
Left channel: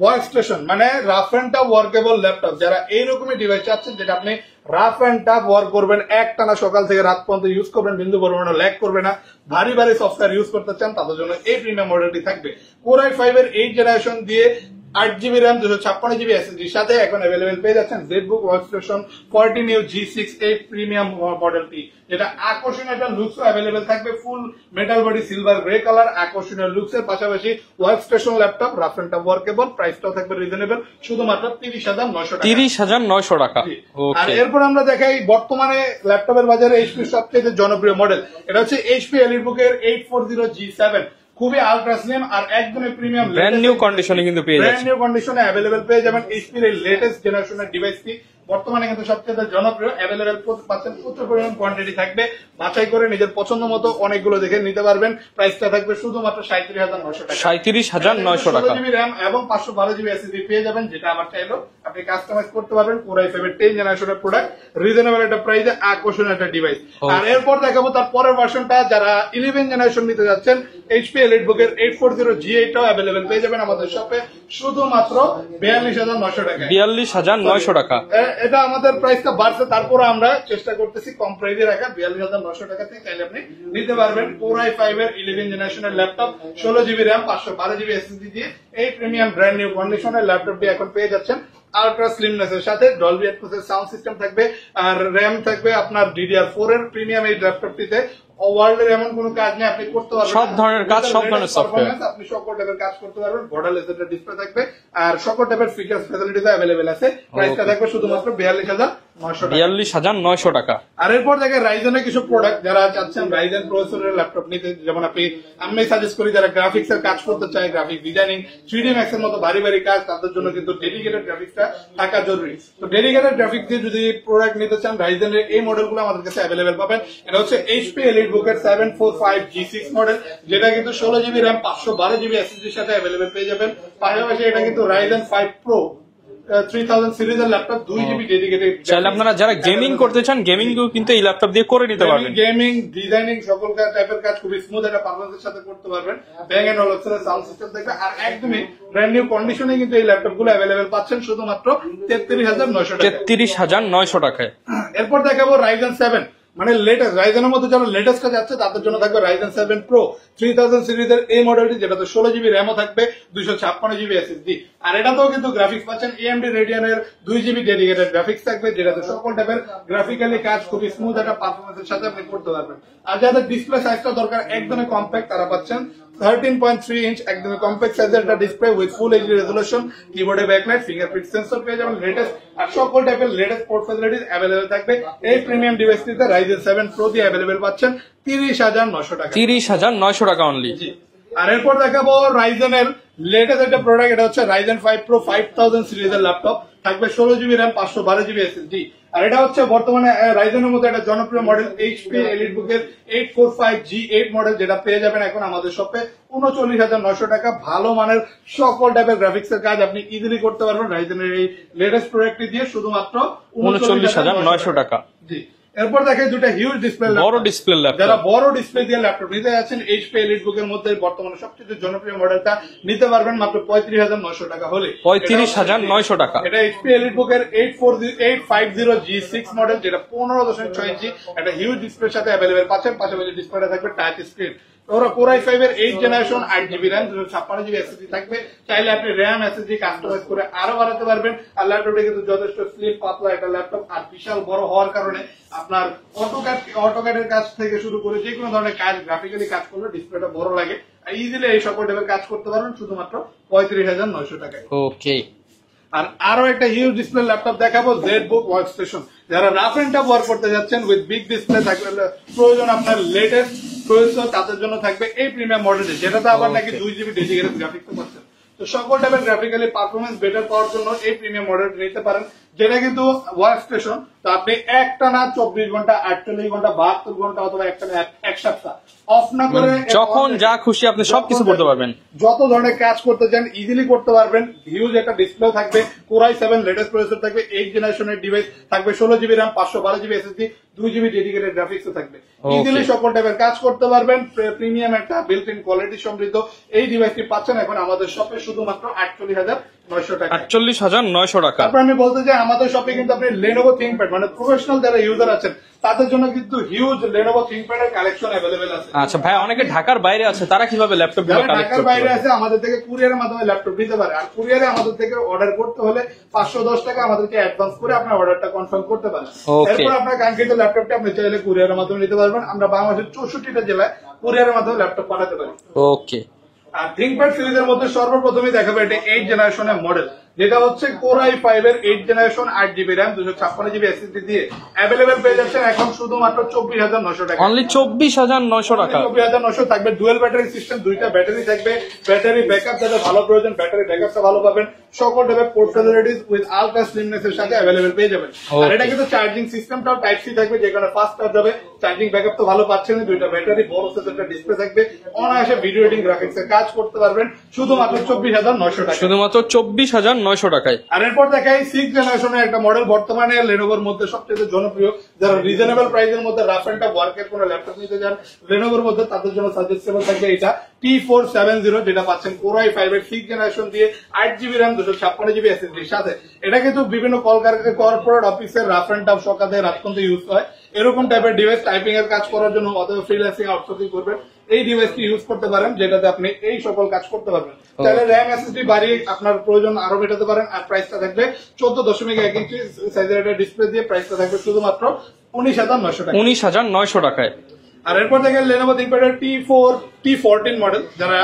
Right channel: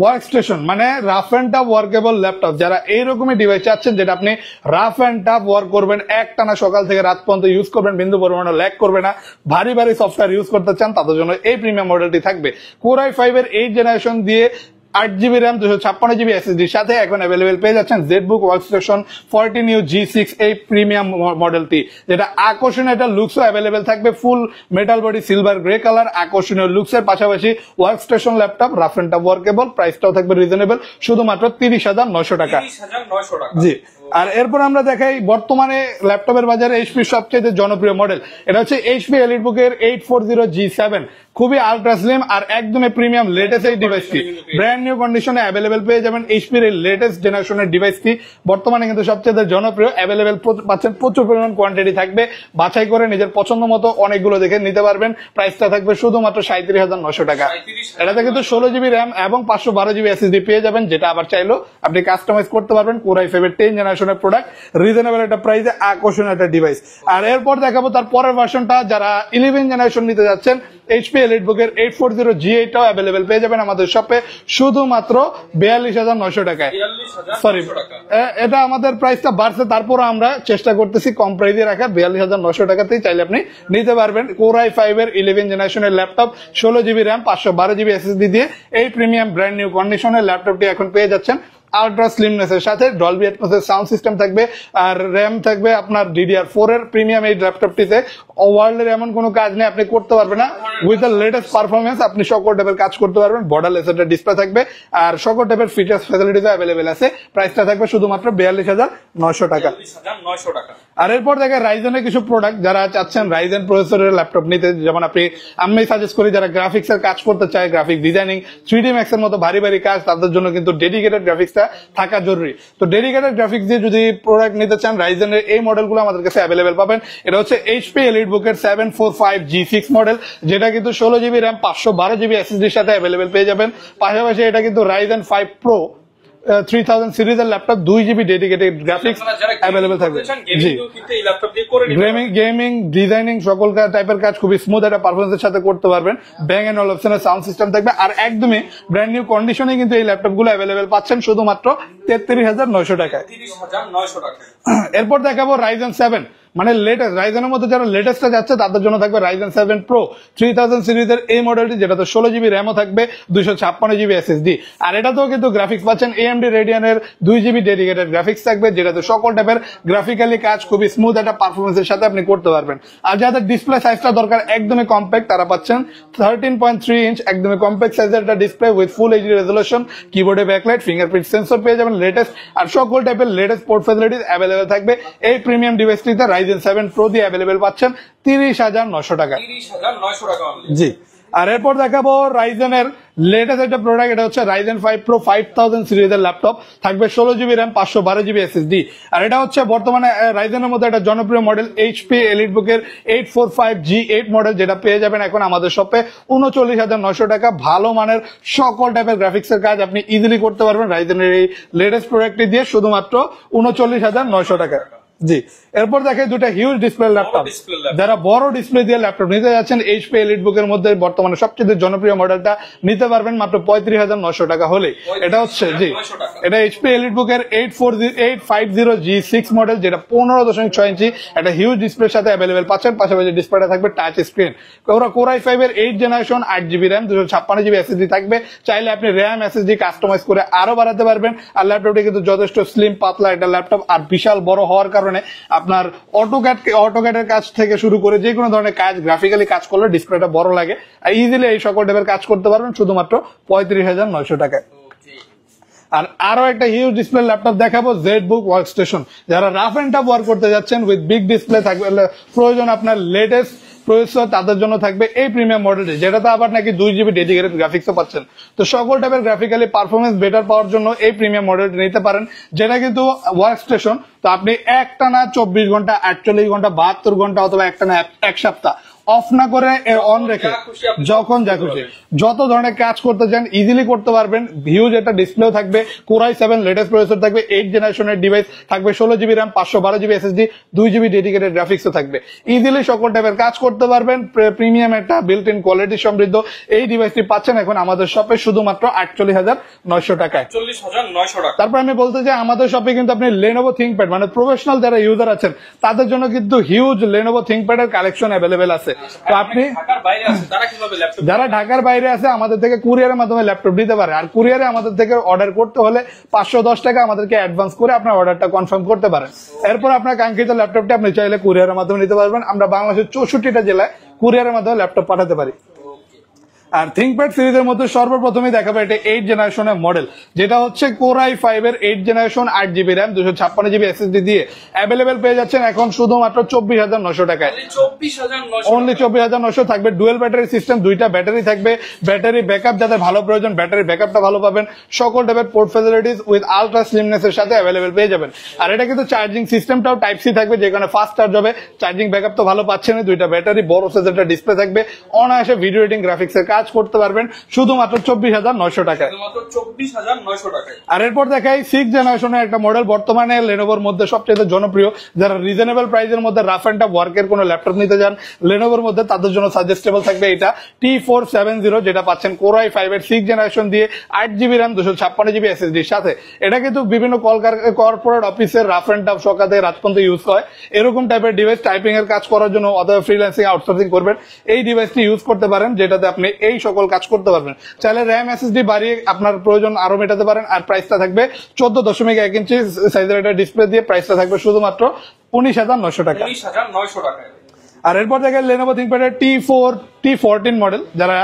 ওয়ার্ক স্টেশন, মানে rough and tough workable laptop. যারা এইরকমই ডিভাইস চাচ্ছেন যেটা আপনি রাফ এন্ড টাফ ওয়ার্ক করবেন, একটানা সকাল থেকে রাত পর্যন্ত ইউজ করবেন, বিন্দু পরিমাণে ল্যাগ করবে না, ভারী ভারী সফটওয়্যার ইউজ করতে চান, তাদের জন্য এই প্রিমিয়াম মডেলটি থাকবে। Core i5 এর 8 জেনারেশন দিয়ে 8GB র্যাম, 256GB SSD সাথে এখন অ্যাভেলেবেল পেয়ে যাচ্ছেন ZBook ওয়ার্কস্টেশন 14U G6 এই প্রিমিয়াম মডেলটি, যেটা আকর্ষণীয় একটা লুকসও অ্যাভেলেবেল থাকবে। Full metal body, silver grey colour, আকর্ষণীয় লুকসের পাশাপাশি workstation laptop, rough and tough workable, প্রাইসটাও থাকবে রিজনেবল শুধুমাত্র 30,900 টাকা। 30,900 টাকা। জি। আর এরপর আমরা দেখাই বর্তমানে ল্যাপটপের বাজারে এইচপি সবচেয়ে জনপ্রিয় মডেল, এটা হচ্ছে এইচপি এলিটবুক এর 840G7। খুবই আলট্রা স্লিম আর একদমই প্রিমিয়াম লেটেস্ট কন্ডিশনে কিন্তু ব্র্যান্ড নিউ কন্ডিশনে অ্যাভেলেবেল পেয়ে যাবেন এইচপির এই লেটেস্ট জেনারেশনের ডিভাইসটি। বর্তমানে কিন্তু সবচেয়ে জনপ্রিয়, অ্যাভেলেবেল পাচ্ছেন, প্রচুর পরিমাণ কোয়ান্টিটি থাকবে, বাছাই করে নিজের পছন্দ মতো অনেকগুলো দেখে নিতে পারবেন। প্রাইসটা থাকবে শুধুমাত্র 37,900 টাকা। 37,900 কিন্তু 16GB র্যাম এবং 512GB SSD পেয়ে যাবেন, যেটা আবার চাইলেও আপনি কাস্টমাইজ করতে পারবেন। Core i5 এর 10 জেনারেশনের প্রোডাক্ট, রিজনেবল একটা প্রাইসে আকর্ষণীয় একটা ডিভাইস। আর এরপর দেখাবো তার পরের ভার্সনটা, যারা 11 জেনারেশন নিতে যাচ্ছেন, এইচপি এলিটবুক এর 840G8টাও অ্যাভেলেবেল পেয়ে যাবেন আমাদের শপে শুধুমাত্র 42,900 টাকায়। 42,900 টাকা। এটা আমাদের প্রাইসটা বাড়ছে, তারপর আমরা চেষ্টা করতেছি কম প্রাইসে রাখা। 42,900 টাকাতেই চাইলে আপনি নিতে পারবেন Core i5 এর 11 জেনারেশনের laptop, 16GB RAM, 512GB SSD দিয়ে এই প্রিমিয়াম ব্র্যান্ড নিউ কন্ডিশনের ল্যাপটপটি এখন পেয়ে যাচ্ছেন। আল্ট্রা স্লিমনেস এর সাথে ডলবি অ্যাটমস এর সাউন্ড সিস্টেম থাকবে, আর র্যাম থাকবে আপনার DDR4 এর প্রিমিয়াম এই ল্যাপটপটিতে। ওয়ার্ল্ডের এমন কোনো কাজ নেই আপনি করতে পারবেন না, উইথ দ্য লেটেস্ট পারফরমেন্স আপনি সকল টাইপের কাজ করতে পারবেন। বর্ডারলেস একটা ডিসপ্লে থাকবে আর সকল টাইপের ফিচার্স ফ্যাসিলিটিস अवेलेबल আছে। প্রাইসটা থাকবে শুধুমাত্র 42,900 টাকা। 42,900 টাকা। আর এরপর দেখেন রাইজেনের কিছু প্রোডাক্ট, যারা চাচ্ছেন রাইজেন প্রসেসরের ল্যাপটপ নিতে, যেমন আমি সাজেস্ট করি যারা গ্রাফিক্স এর কাজ করতে চায়, গ্রাফিক ডিজাইনিং, 3D ম্যাক্স এর মতো ভারী ভারী কাজ, তাদের জন্য কিন্তু ডেডিকেটেড গ্রাফিক্সটা থাকা জরুরি। তো ডেডিকেটেড গ্রাফিক্স দিয়ে যদি প্রোডাক্ট নিতে চান, রাইজেনের এই মডেলগুলো আমাদের কাছে অ্যাভেলেবেল পাবেন। এটা হচ্ছে এইচপি এলিটবুক এর 745G6 মডেল, যেটা কিন্তু 16GB র্যাম, 512GB SSD এর সাথে অ্যাভেলেবেল পেয়ে যাবেন। পাশাপাশি এটা কিন্তু রাইজেন 5 প্রো 3000 সিরিজের ল্যাপটপ 2GB ডেডিকেটেড গ্রাফিক্স। আপনারা যারা গেমিং করতে চান গেমিং কিন্তু এই ল্যাপটপ দিয়ে করে নিতে পারবেন। গেমিং, ডিজাইনিং সকল টাইপের কাজ খুবই স্মুথ একটা পারফরমেন্সের সাথে করতে পারবেন। ব্যাং এন্ড অলপশনের সাউন্ড সিস্টেম থাকবে, আর একদমই ব্র্যান্ড নিউ কন্ডিশনে কিন্তু এই ল্যাপটপ গুলো অ্যাভেলেবেল পাচ্ছেন শুধুমাত্র 33900 টাকা। 33900 টাকায়। এরপর দেখাবো Ryzen 7, মানে লেটেস্ট রাইজেনের মধ্যে যারা লেটেস্টটা যাচ্ছে তাদের জন্য থাকবে Ryzen 7 Pro 3000 সিরিজের এই মডেলটি, যেটাতে 16GB র্যামও থাকবে, 256GB SSD। আর এটাতেও কিন্তু গ্রাফিক্স পাচ্ছেন AMD Radeon-এর 2GB ডেডিকেটেড গ্রাফিক্স থাকবে, যেটাতে সকল টাইপের গ্রাফিক্যালি কাজ খুবই স্মুথ একটা পারফরমেন্সের সাথে আপনি করতে পারবেন। আর যাদের ডিসপ্লে সাইজটা দরকার একদমই কম্প্যাক্ট, তারা পাচ্ছেন 13.3 ইঞ্চ একদমই কম্প্যাক্ট সাইজের একটা display with full HD resolution, কিবোর্ডে ব্যাকলাইট, ফিঙ্গারপ্রিন্ট সেন্সর পেয়ে যাবেন লেটেস্ট, আর সকল টাইপের লেটেস্ট পোর্ট ফ্যাসিলিটিস অ্যাভেলেবেল থাকবে। এই প্রিমিয়াম ডিভাইসটিতে Ryzen 7 Pro দিয়ে অ্যাভেলেবেল পাচ্ছেন 30900 টাকা। 30900 টাকা অনলি। জি। আর এরপর দেখাবো Ryzen এর লেটেস্ট একটা প্রোডাক্ট, এটা হচ্ছে Ryzen 5 Pro 5000 সিরিজের ল্যাপটপ, থাকবে 16GB র্যাম, 512GB SSD। আর এটা হচ্ছে বর্তমানে Ryzen এর মধ্যে একটা জনপ্রিয় মডেল HP EliteBook এর 845G8 মডেল, যেটা পেয়ে যাবেন এখন আমাদের শপে 39900 টাকা। ভালো মানের সকল টাইপের গ্রাফিক্স এর কাজ আপনি ইজিলি করতে পারবেন Ryzen এর এই লেটেস্ট প্রোডাক্টটি দিয়ে শুধুমাত্র 39900 টাকা। জি। এরপর দেখে দুটো হিউজ ডিসপ্লে ল্যাপটপ, যারা বড় ডিসপ্লে দিয়ে ল্যাপটপ নিতে যাচ্ছেন HP EliteBook এর মধ্যে বর্তমানে সবচেয়ে জনপ্রিয় মডেলটা নিতে পারবেন মাত্র 35900 টাকা হলে। 35900 টাকা। এটা HP EliteBook এর 850G6 মডেল, যেটা 15.6 ইঞ্চি একটা হিউজ ডিসপ্লের সাথে অ্যাভেলেবেল পাচ্ছেন। পাশাপাশি ডিসপ্লেটা থাকবে টাচ স্ক্রিন। Core i5 এর 8 generation, 8GB RAM, 256GB SSD থাকবে। চাইলে আপনি র্যাম SSD কাস্টমাইজ করে আরো বাড়াতে পারবেন। আর ল্যাপটপটি কিন্তু যথেষ্ট স্লিম পাতলা একটা ল্যাপটপ, আর বিশাল বড় হওয়ার কারণে আপনার অটোক্যাডের কাজ থেকে শুরু করে যে কোনো ধরনের কাজ গ্রাফিক্যালি কাজ করলে ডিসপ্লেটা বড় লাগে, আর ইজিলি এই সকল টাইপের কাজ করতে পারবেন শুধুমাত্র 35900 টাকায়। ওকে। আর আরো একটা হিউজ ডিসপ্লে ল্যাপটপ দেখাবো, ZBook ওয়ার্কস্টেশন। যারা রাফ এন্ড টাফ ওয়ার্ক করতে যাচ্ছেন উইথ বিগ ডিসপ্লে থাকবে, প্রয়োজন আপনার লেটেস্ট প্রসেসর, তাদের জন্য থাকবে এই প্রিমিয়াম মডেলটি, যেটাতে আবার নাকি 2GB ডেডিকেটেড গ্রাফিক্সও পাচ্ছেন। তো সকল টাইপের গ্রাফিক্যালি পারফরমেন্স বেটার পাওয়ার জন্য এই প্রিমিয়াম মডেলটি নিতে পারেন, যেটা কিন্তু ওয়ার্কস্টেশন। তো আপনি একটানা 24 ঘন্টা, 48 ঘন্টা, 72 ঘন্টা অথবা একটানা এক সপ্তাহ অফ না করে যখন যা খুশি আপনি সবকিছু করতে পারবেন, যত ধরনের কাজ করতে চান ইজিলি করতে পারবেন। হিউজ একটা ডিসপ্লেও থাকবে, Core i7 লেটেস্ট প্রসেসর থাকবে, 8 জেনারেশনের ডিভাইস থাকবে, 16GB RAM, 512GB SSD, 2GB dedicated গ্রাফিক্সও থাকবে। ইজিলি সকল টাইপের কাজ করতে পারবেন। প্রিমিয়াম একটা বিল্ট ইন কোয়ালিটি সমৃদ্ধ এই ডিভাইসটি পাচ্ছেন এখন আমাদের শপে শুধুমাত্র 48900 টাকা। 48900 টাকা। তারপর আমি বলতে চাই আমাদের শপে কিন্তু আপনি Lenovo ThinkPad, মানে প্রফেশনাল যারা ইউজার আছেন তাদের জন্য কিন্তু হিউজ Lenovo ThinkPad এর কালেকশন অ্যাভেলেবেল আছে। আচ্ছা ভাই, অনেকে ঢাকার বাইরে আছে, তারা কিভাবে ল্যাপটপ, যারা ঢাকার বাইরে আছে আমাদের থেকে কুরিয়ারের মাধ্যমে ল্যাপটপ নিতে পারে। আর কুরিয়ারে আমাদের থেকে অর্ডার করতে হলে 510 টাকা আমাদেরকে অ্যাডভান্স করে আপনার অর্ডারটা কনফার্ম করতে পারেন। এরপর আপনার কাঙ্ক্ষিত ল্যাপটপটা আপনি চাইলে কুরিয়ারের মাধ্যমে নিতে পারবেন। আমরা বাংলাদেশের 64টা জেলায় কুরিয়ারের মাধ্যমে ল্যাপটপ পাঠাতে পারি। ওকে। আর ThinkPad সিরিজের মধ্যে সর্বপ্রথমে দেখাবে এটা 8 জেনারেশনের মডেল, যেটা হচ্ছে Core i5 এর 8 generation, 8GB RAM, 256GB SSD দিয়ে অ্যাভেলেবেল পেয়ে যাচ্ছেন এখন শুধুমাত্র 24900 টাকা। অনলি 24900 অনলি 24900 থাকবে। ডুয়েল ব্যাটারি সিস্টেম, দুইটা ব্যাটারি থাকবে। ব্যাটারি ব্যাকআপ যাদের ভালো প্রয়োজন ব্যাটারি ব্যাকআপটা ভালো পাবেন। সকল টাইপের port facilities with ultra slimness এর সাথে অ্যাভেলেবেল পেয়ে যাবেন। আর এটা কিন্তু চার্জিং সিস্টেমটাও টাইপ সি থাকবে, যেখানে ফাস্ট চার্জ হবে। চার্জিং ব্যাকআপ তো ভালো পাচ্ছেন। দুইটা ব্যাটারি, বড় সাইজের একটা ডিসপ্লে থাকবে। অনায়াসে ভিডিও এডিটিং গ্রাফিক্স এর কাজ করতে পারবেন শুধুমাত্র 24900 টাকা। শুধুমাত্র 24900 টাকায়। আর এরপর দেখাই 6 জেনারেশনের একটা মডেল, বর্তমানে লেনোভোর মধ্যে সবচেয়ে জনপ্রিয়। যারা রিজনেবল প্রাইসের মধ্যে রাফ এন্ড টাফ ওয়ার্কের কোনো ল্যাপটপ নিতে যান লেনোভোর মধ্যে, তাদের জন্য সাজেস্টেবল থাকবে এটা T470, যেটা পাচ্ছেন Core i5 এর 6 জেনারেশন দিয়ে, 8GB র্যাম, 256GB SSD এর সাথে। এটা কিন্তু বিভিন্ন কর্পোরেট অফিসের রাফ এন্ড টাফ সকালে রাত পর্যন্ত ইউজ হয়। এরকম টাইপের ডিভাইস টাইপিং এর কাজ করার জন্য অথবা ফ্রিল্যান্সিং আউটসোর্সিং করবেন, এই ডিভাইসটি ইউজ করতে পারেন, যেটাতে আপনি এই সকল কাজ করতে পারবেন। চাইলে র্যাম SSD বাড়ি আপনার প্রয়োজন আরো মেটাতে পারেন। আর প্রাইসটা থাকবে 14.1 ইঞ্চি সাইজের একটা ডিসপ্লে দিয়ে, প্রাইসটা থাকবে শুধুমাত্র 19900 টাকা। 19900 টাকায়। আর এরপর দেখেন Lenovo ThinkPad এর T14 মডেল। যারা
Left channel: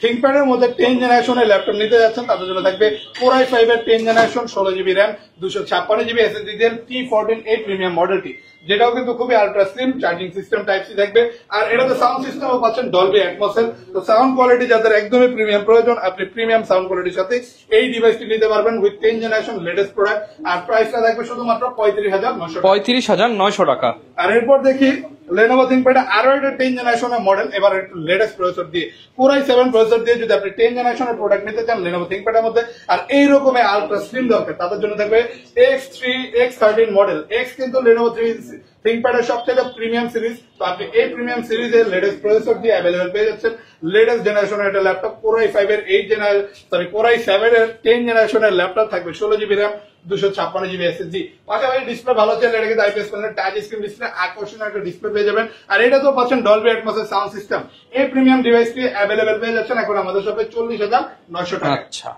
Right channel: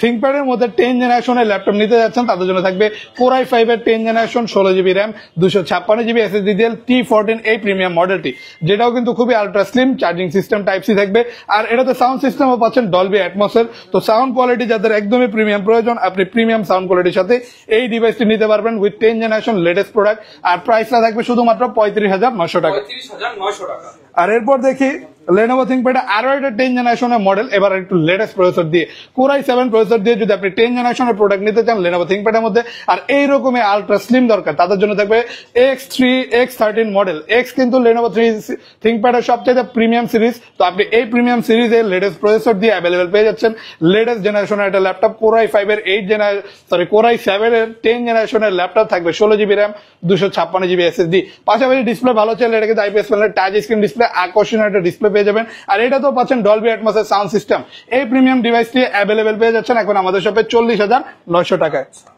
ThinkPad এর মধ্যে 10 জেনারেশনের ল্যাপটপ নিতে যাচ্ছেন তাদের জন্য থাকবে Core i5 এর 10 generation, 16GB RAM, 256GB SSD দিয়ে T14 এই প্রিমিয়াম মডেলটি, যেটাও কিন্তু খুবই ultra slim. Charging system type C থাকবে। আর এটাতে সাউন্ড সিস্টেমও পাচ্ছেন Dolby Atmos এর। তো সাউন্ড কোয়ালিটি যাদের একদমই প্রিমিয়াম প্রয়োজন, আপনি প্রিমিয়াম সাউন্ড কোয়ালিটির সাথে এই ডিভাইসটি নিতে পারবেন উইথ 10 জেনারেশন লেটেস্ট প্রোডাক্ট। আর প্রাইসটা থাকবে শুধুমাত্র 35900 টাকা। 35900 টাকা। আর এরপর দেখি Lenovo ThinkPad আরো একটা 10 জেনারেশনের মডেল, এবার একটু লেটেস্ট প্রসেসর দিয়ে Core i7 প্রসেসর দিয়ে যদি আপনি 10 জেনারেশনের প্রোডাক্ট নিতে চান Lenovo ThinkPad এর মধ্যে, আর এই রকমের আলট্রা স্লিম দরকার, তাদের জন্য থাকবে X3 X13 মডেল। X কিন্তু Lenovo ThinkPad এর সবচেয়ে প্রিমিয়াম সিরিজ, তো আপনি এই প্রিমিয়াম সিরিজে লেটেস্ট প্রসেসর দিয়ে অ্যাভেলেবল পেয়ে যাচ্ছেন। লেটেস্ট জেনারেশনের একটা ল্যাপটপ Core i5 এর 8 জেনারেশন Core i7 এর 10 জেনারেশনের ল্যাপটপ থাকবে 16GB RAM 256GB SSD। পাশাপাশি ডিসপ্লে ভালো চলে, এটা কিন্তু IPS প্যানেলের টাচ স্ক্রিন ডিসপ্লে, আকর্ষণীয় একটা ডিসপ্লে পেয়ে যাবেন। আর এটা তো পাচ্ছেন ডলবি অ্যাটমস এর সাউন্ড সিস্টেম। এই প্রিমিয়াম ডিভাইসটি অ্যাভেলেবল পেয়ে যাচ্ছেন এখন আমাদের শপে 40,900 টাকায়। আচ্ছা,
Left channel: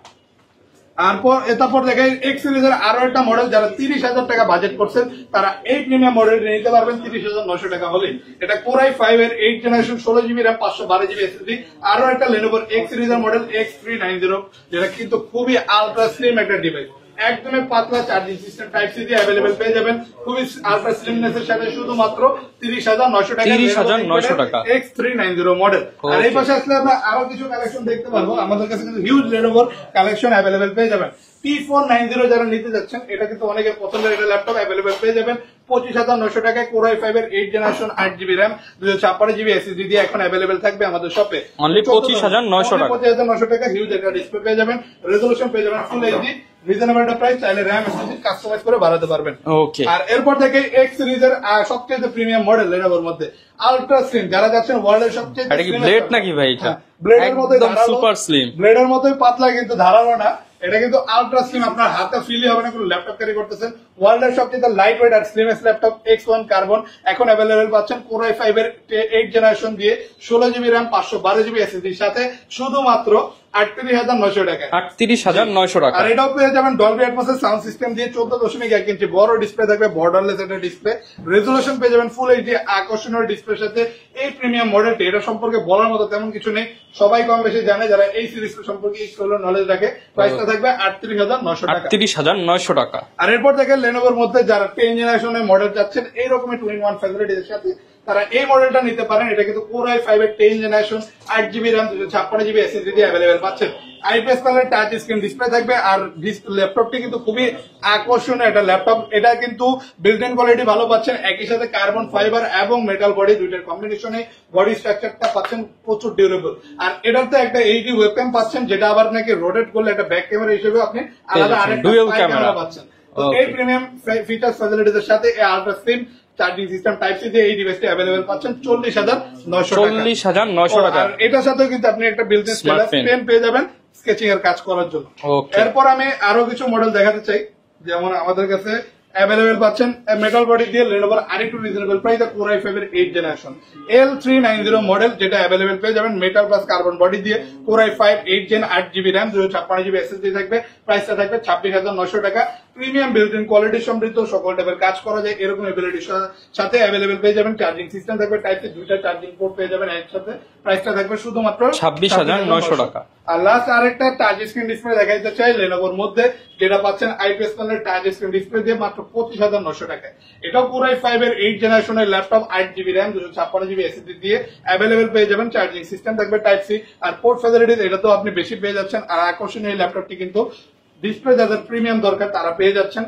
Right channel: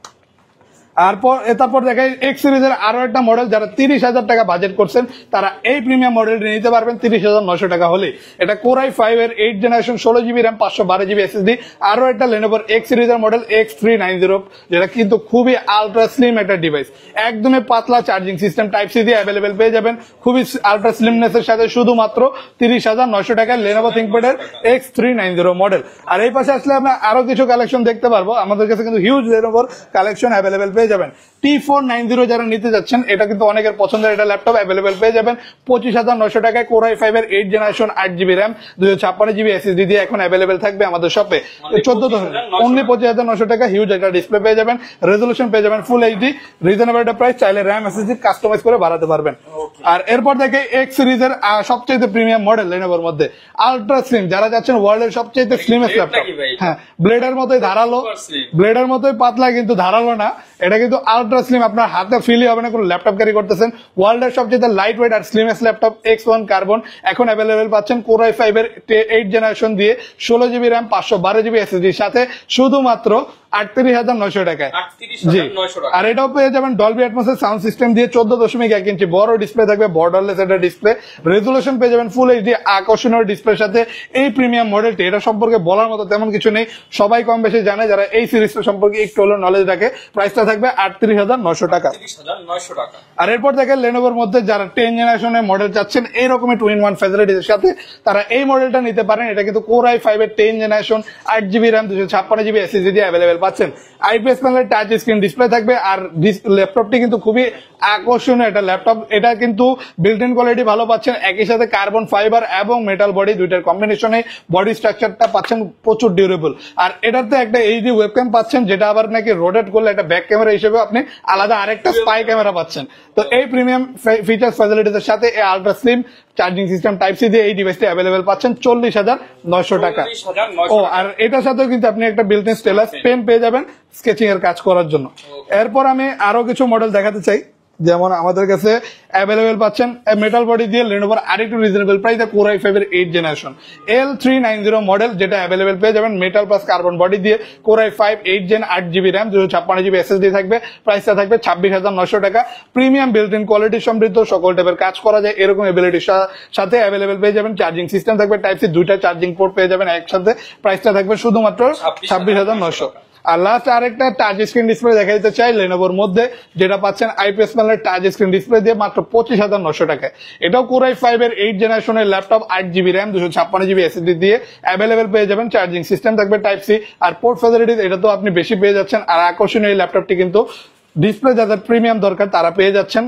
তারপর দেখেন X সিরিজের আরো একটা মডেল, যারা 30,000 টাকা বাজেট করছেন তারা এই প্রিমিয়াম মডেলটি নিতে পারবেন 30,900 টাকা হলে। এটা Core i5 এর 8 generation 16GB RAM 512GB SSD। আরো একটা Lenovo X সিরিজের মডেল X390, যেটা কিন্তু খুবই আলট্রা স্লিম একটা ডিভাইস, একদমই পাতলা চার্জিং সিস্টেম টাইপ সি দিয়ে অ্যাভেলেবল পেয়ে যাবেন খুবই আলট্রা স্লিমনেস এর সাথে, শুধুমাত্র 30,900 টাকা Lenovo ThinkPad X390 মডেল। আর এই পাশে আসলে আমরা আরো কিছু কালেকশন দেখতে পারবো, আমাদের কাছে কিন্তু হিউজ Lenovo কালেকশন অ্যাভেলেবল পেয়ে যাবেন। T490 যারা নিতে যাচ্ছেন, এটা কিন্তু অনেকের পছন্দের একটা ল্যাপটপ, অ্যাভেলেবল পেয়ে যাবেন 25,900 টাকায়। Core i5 এর 8 generation 8GB RAM 256GB SSD দিয়ে এখন অ্যাভেলেবল থাকবে আমাদের শপে 25,900 টাকা। হিউজ একটা ডিসপ্লে পেয়ে যাবেন, রেজোলিউশন পেয়ে যাবেন ফুল এইচডি, রিজনেবল একটা প্রাইস, চাইলে RAM SSD কাস্টমাইজ করে বাড়াতে পারবেন। ওকে, আর এরপর থেকে X সিরিজের সবচেয়ে প্রিমিয়াম মডেল Lenovoর মধ্যে আলট্রা স্লিম, যারা যাচ্ছেন ওয়ার্ল্ডের সবচেয়ে স্লিমেস্ট ল্যাপটপ। হ্যাঁ, ব্লেডের মতোই ধারালো, ব্লেডের মতোই পাতলা কিন্তু ধারালো না, এটা কিন্তু আলট্রা স্লিম, আপনার হাতে ফিলই হবে না কোনো ল্যাপটপ ক্যারি করতেছেন। ওয়ার্ল্ডের সবচেয়ে লাইট ওয়েট আর স্লিমেস্ট ল্যাপটপ X1 কার্বন এখন অ্যাভেলেবল পাচ্ছেন Core i5 এর 8 জেনারেশন দিয়ে 16GB RAM 512GB SSD এর সাথে, শুধুমাত্র 38,900 টাকায়। 38,900 টাকা। আর এটাও পেয়ে যাবেন ডলবি অ্যাটমস এর সাউন্ড সিস্টেম দিয়ে 14.1 ইঞ্চি বড় ডিসপ্লে থাকবে, বর্ডারলেস একটা ডিসপ্লে, রেজোলিউশন পেয়ে যাবেন ফুল এইচডি, আকর্ষণীয় ডিসপ্লের সাথে। এই প্রিমিয়াম মডেলটি, এটা সম্পর্কে বলার মতো তেমন কিছু নেই, সবাই কম বেশি জানে যারা এই সিরিজটা সম্পর্কে একটু হলেও নলেজ রাখে। প্রাইসটা থাকবে 38,900 টাকা। 38,900 টাকা। আর এরপর দেখেন Lenovoর মধ্যে যারা 10 জেনারেশনের মডেল চাচ্ছেন এই রকমের 2-in-1 ফ্যাসিলিটির সাথে, তারা এই মডেলটা নিতে পারেন। এটা কিন্তু Core i5 এর 10 generation 8GB RAM 256GB SSD দিয়ে অ্যাভেলেবল পাচ্ছেন। IPS প্যানেলের টাচ স্ক্রিন ডিসপ্লে থাকবে। আর ল্যাপটপটি কিন্তু খুবই আকর্ষণীয় একটা ল্যাপটপ, এটা কিন্তু বিল্ট ইন কোয়ালিটি ভালো পাচ্ছেন, একই সাথে কার্বন ফাইবার এবং মেটাল বডি দুইটার কম্বিনেশনে বডি স্ট্রাকচারটা পাচ্ছেন প্রচুর ডিউরেবল। আর এটাতে একটা এইচডি ওয়েবক্যাম পাচ্ছেন, যেটা আবার নাকি রোটেট করলে একটা ব্যাক ক্যামেরা হিসেবে আপনি আলাদা আরেকটা স্পাই ক্যামেরা পাচ্ছেন। তো এই প্রিমিয়াম ফিচার্স ফ্যাসিলিটির সাথে এই ultra slim charging system type C দিয়ে এই ডিভাইসটি অ্যাভেলেবল পাচ্ছেন 40,900 টাকা। 40,900 টাকা। আর এটার সাথে কিন্তু আপনি একটা বিল্ট ইন স্টাইলাস পেন পেয়ে যাবেন স্কেচিং এর কাজ করার জন্য। এরপর আমি আরো কিছু মডেল দেখাতে চাই, যেমন আমাদের কাছে অ্যাভেলেবল পাচ্ছেন মেটাল বডি দিয়ে Lenovo আরেকটু রিজনেবল প্রাইসে Core i5 এর 8 জেনারেশন L390 মডেল, যেটা অ্যাভেলেবল পেয়ে যাবেন মেটাল প্লাস কার্বন বডি দিয়ে Core i5 8 gen 8GB RAM 256GB SSD থাকবে। প্রাইসটা থাকবে 26,900 টাকা। প্রিমিয়াম বিল্ট ইন কোয়ালিটি সমৃদ্ধ, সকল টাইপের কাজ করা যায় এরকম এবিলিটির সাথে অ্যাভেলেবল পেয়ে যাবেন। চার্জিং সিস্টেম থাকবে টাইপ সি, দুইটা চার্জিং পোর্ট পেয়ে যাবেন একসাথে। প্রাইসটা থাকবে শুধুমাত্র 26,900 টাকা। আর লাস্ট আরেকটা টাচ স্ক্রিন ডিসপ্লে দেখা দিতে চাই Lenovoর মধ্যে, যেটা পাচ্ছেন IPS প্যানেলের টাচ স্ক্রিন ডিসপ্লে দিয়ে মাত্র 25,900 টাকায়। এটাও Core i5 এর 8 জেনারেশনের laptop 8GB RAM 256GB SSD দিয়ে অ্যাভেলেবল পেয়ে যাবেন। চার্জিং সিস্টেম থাকবে টাইপ সি, আর পোর্ট ফ্যাসিলিটিস এটা তো আপনি বেশি পেয়ে যাচ্ছেন। আর আকর্ষণীয় এই ল্যাপটপটি কিন্তু ডিসপ্লে যাদের প্রিমিয়াম দরকার তারা পেয়ে যাচ্ছেন,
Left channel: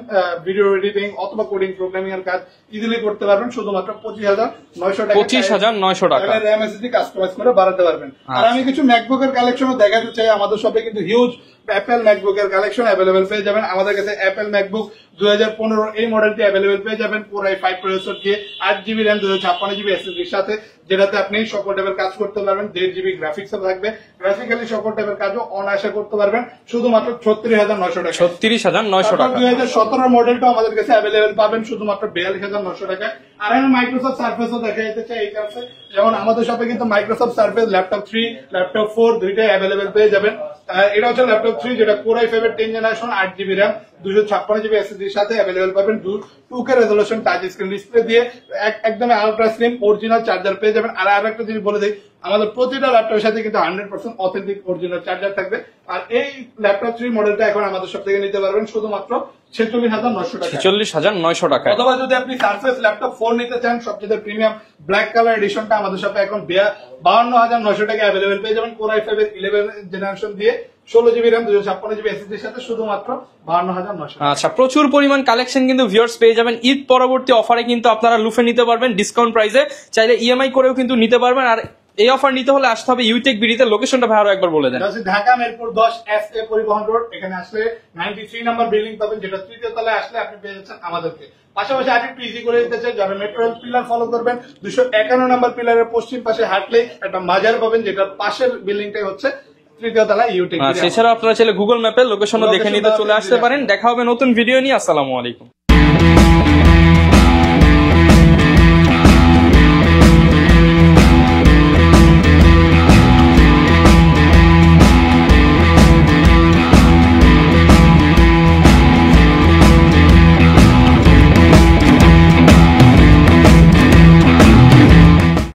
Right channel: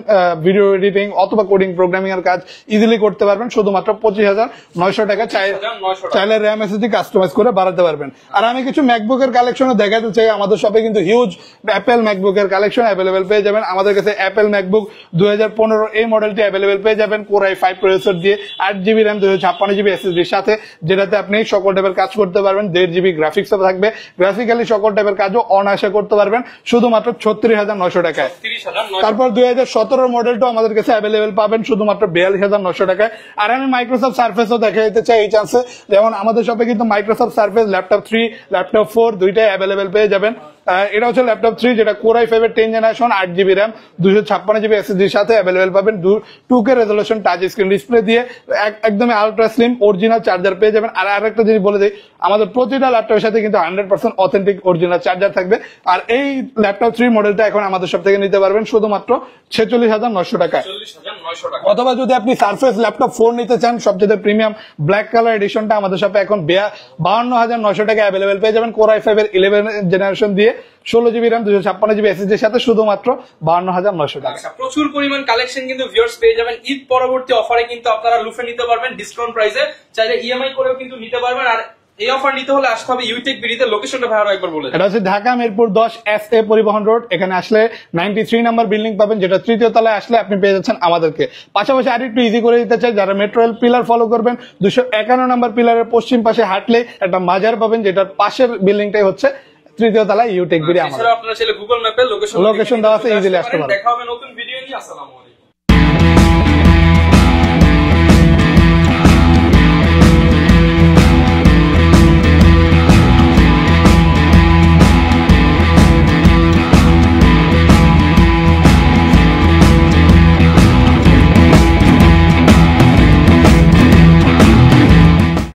ভিডিও এডিটিং অথবা কোডিং প্রোগ্রামিং এর কাজ ইজিলি করতে পারবেন শুধুমাত্র 25,900 টাকা। 25,900 টাকা। চাইলে RAM SSD কাস্টমাইজ করে বাড়াতে পারবেন। আর আমি কিছু ম্যাকবুকের কালেকশনও দেখাতে চাই, আমাদের শপে কিন্তু হিউজ অ্যাপেল ম্যাকবুকের কালেকশন অ্যাভেলেবল পেয়ে যাবেন। আমাদের কাছে অ্যাপেল ম্যাকবুক 2015 এই মডেলটি অ্যাভেলেবল পেয়ে যাবেন Core i5 প্রসেসর দিয়ে 8GB RAM 256GB SSD এর সাথে, যেটাতে আপনি সকল টাইপের কাজ করতে পারবেন। 1.5GB গ্রাফিক্সও থাকবে, গ্রাফিক্যালি সকল টাইপের কাজও অনায়াসে করতে পারবেন শুধুমাত্র 36,900 টাকা। 36,900 তারপর টাকা। 2017 মডেলটা আমাদের কাছে অ্যাভেলেবল পাবেন শুধুমাত্র 42,900 টাকায়। আর আমি মাইক্রোসফট সার্ফেসও দেখা যেতে চাই এই চান্সে, যেমন আমাদের শপে কিন্তু মাইক্রোসফট সার্ফেস ল্যাপটপ 3 ল্যাপটপ 4 দুইটাই অ্যাভেলেবল পেয়ে যাবেন। এটা হচ্ছে ল্যাপটপ 3, যেটা Core i5 এর 10 generation 8GB RAM 256GB SSD এর সাথে অ্যাভেলেবল পাবেন। 2K resolution touch screen display দিয়ে একদম আলট্রা স্লিম অরিজিনাল চার্জার পেয়ে যাবেন। আর আরেকটা জিনিস বলে দেই, আমাদের প্রতিটা ল্যাপটপের সাথে কিন্তু 100% অথেন্টিক অরিজিনাল চার্জার থাকবে। আর এই ল্যাপটপ 3 মডেলটা এখন আমাদের সব থেকে নিতে পারবেন শুধুমাত্র 46,900 টাকা। 46,900 টাকা। অথবা যদি আপনি সারফেস ল্যাপটপ 4 নিতে চান সবচেয়ে প্রিমিয়াম ব্ল্যাক কালার এডিশনটা আমাদের সাথে এখন 52,900 টাকা অ্যাভেলেবেল পেয়ে যাবেন। কোর i5 এর 11 জেনারেশন দিয়ে 16GB RAM 256GB SSD এর সাথে শুধুমাত্র 52,900 টাকা। আচ্ছা, প্রচুর পরিমাণ কালেকশন কিন্তু ভিউয়ার্স পেয়ে যাবেন। ঈদ পরবর্তী অফারে কিন্তু আপনারা লুফে নিতে পারবেন ডিসকাউন্ট প্রাইসে, চাইলে ইএমআই করেও কিন্তু নিতে পারবেন। আর এই অফার নিতে হলে আসতে হবে ইউটেক বিডিতে। লোকেশনটা ভালো একবার বলে দেন। এটা হচ্ছে ঢাকা মিরপুর 10 SA পরিবহন রোড। এখানে আসলে 93 নাম্বার বিল্ডিং পাবেন, যেটা তৃতীয় তলায় আসলে আপনি পেয়ে যাচ্ছেন আমাদেরকে। পাশাপাশি আরেকটু ইজি করে দিতে চাই, যারা মেট্রো রেল পিলার ফলো করবেন 251 নাম্বার পিলারের পশ্চিম পাশে হাঁটলে একটা মাজার পাবেন, যেটার পাশের বিল্ডিংটাই হচ্ছে তৃতীয় তলায় ইউটেক বিডি। এছাড়াও আপনারা চাইলে গুগল ম্যাপে লোকেশন দেখে নিতে লোকেশন চলে আছে, আসতে easily পারেন। আসতে পারেন। দেখা হবে নতুন ভিডিও নিয়ে। আসসালামু আলাইকুম।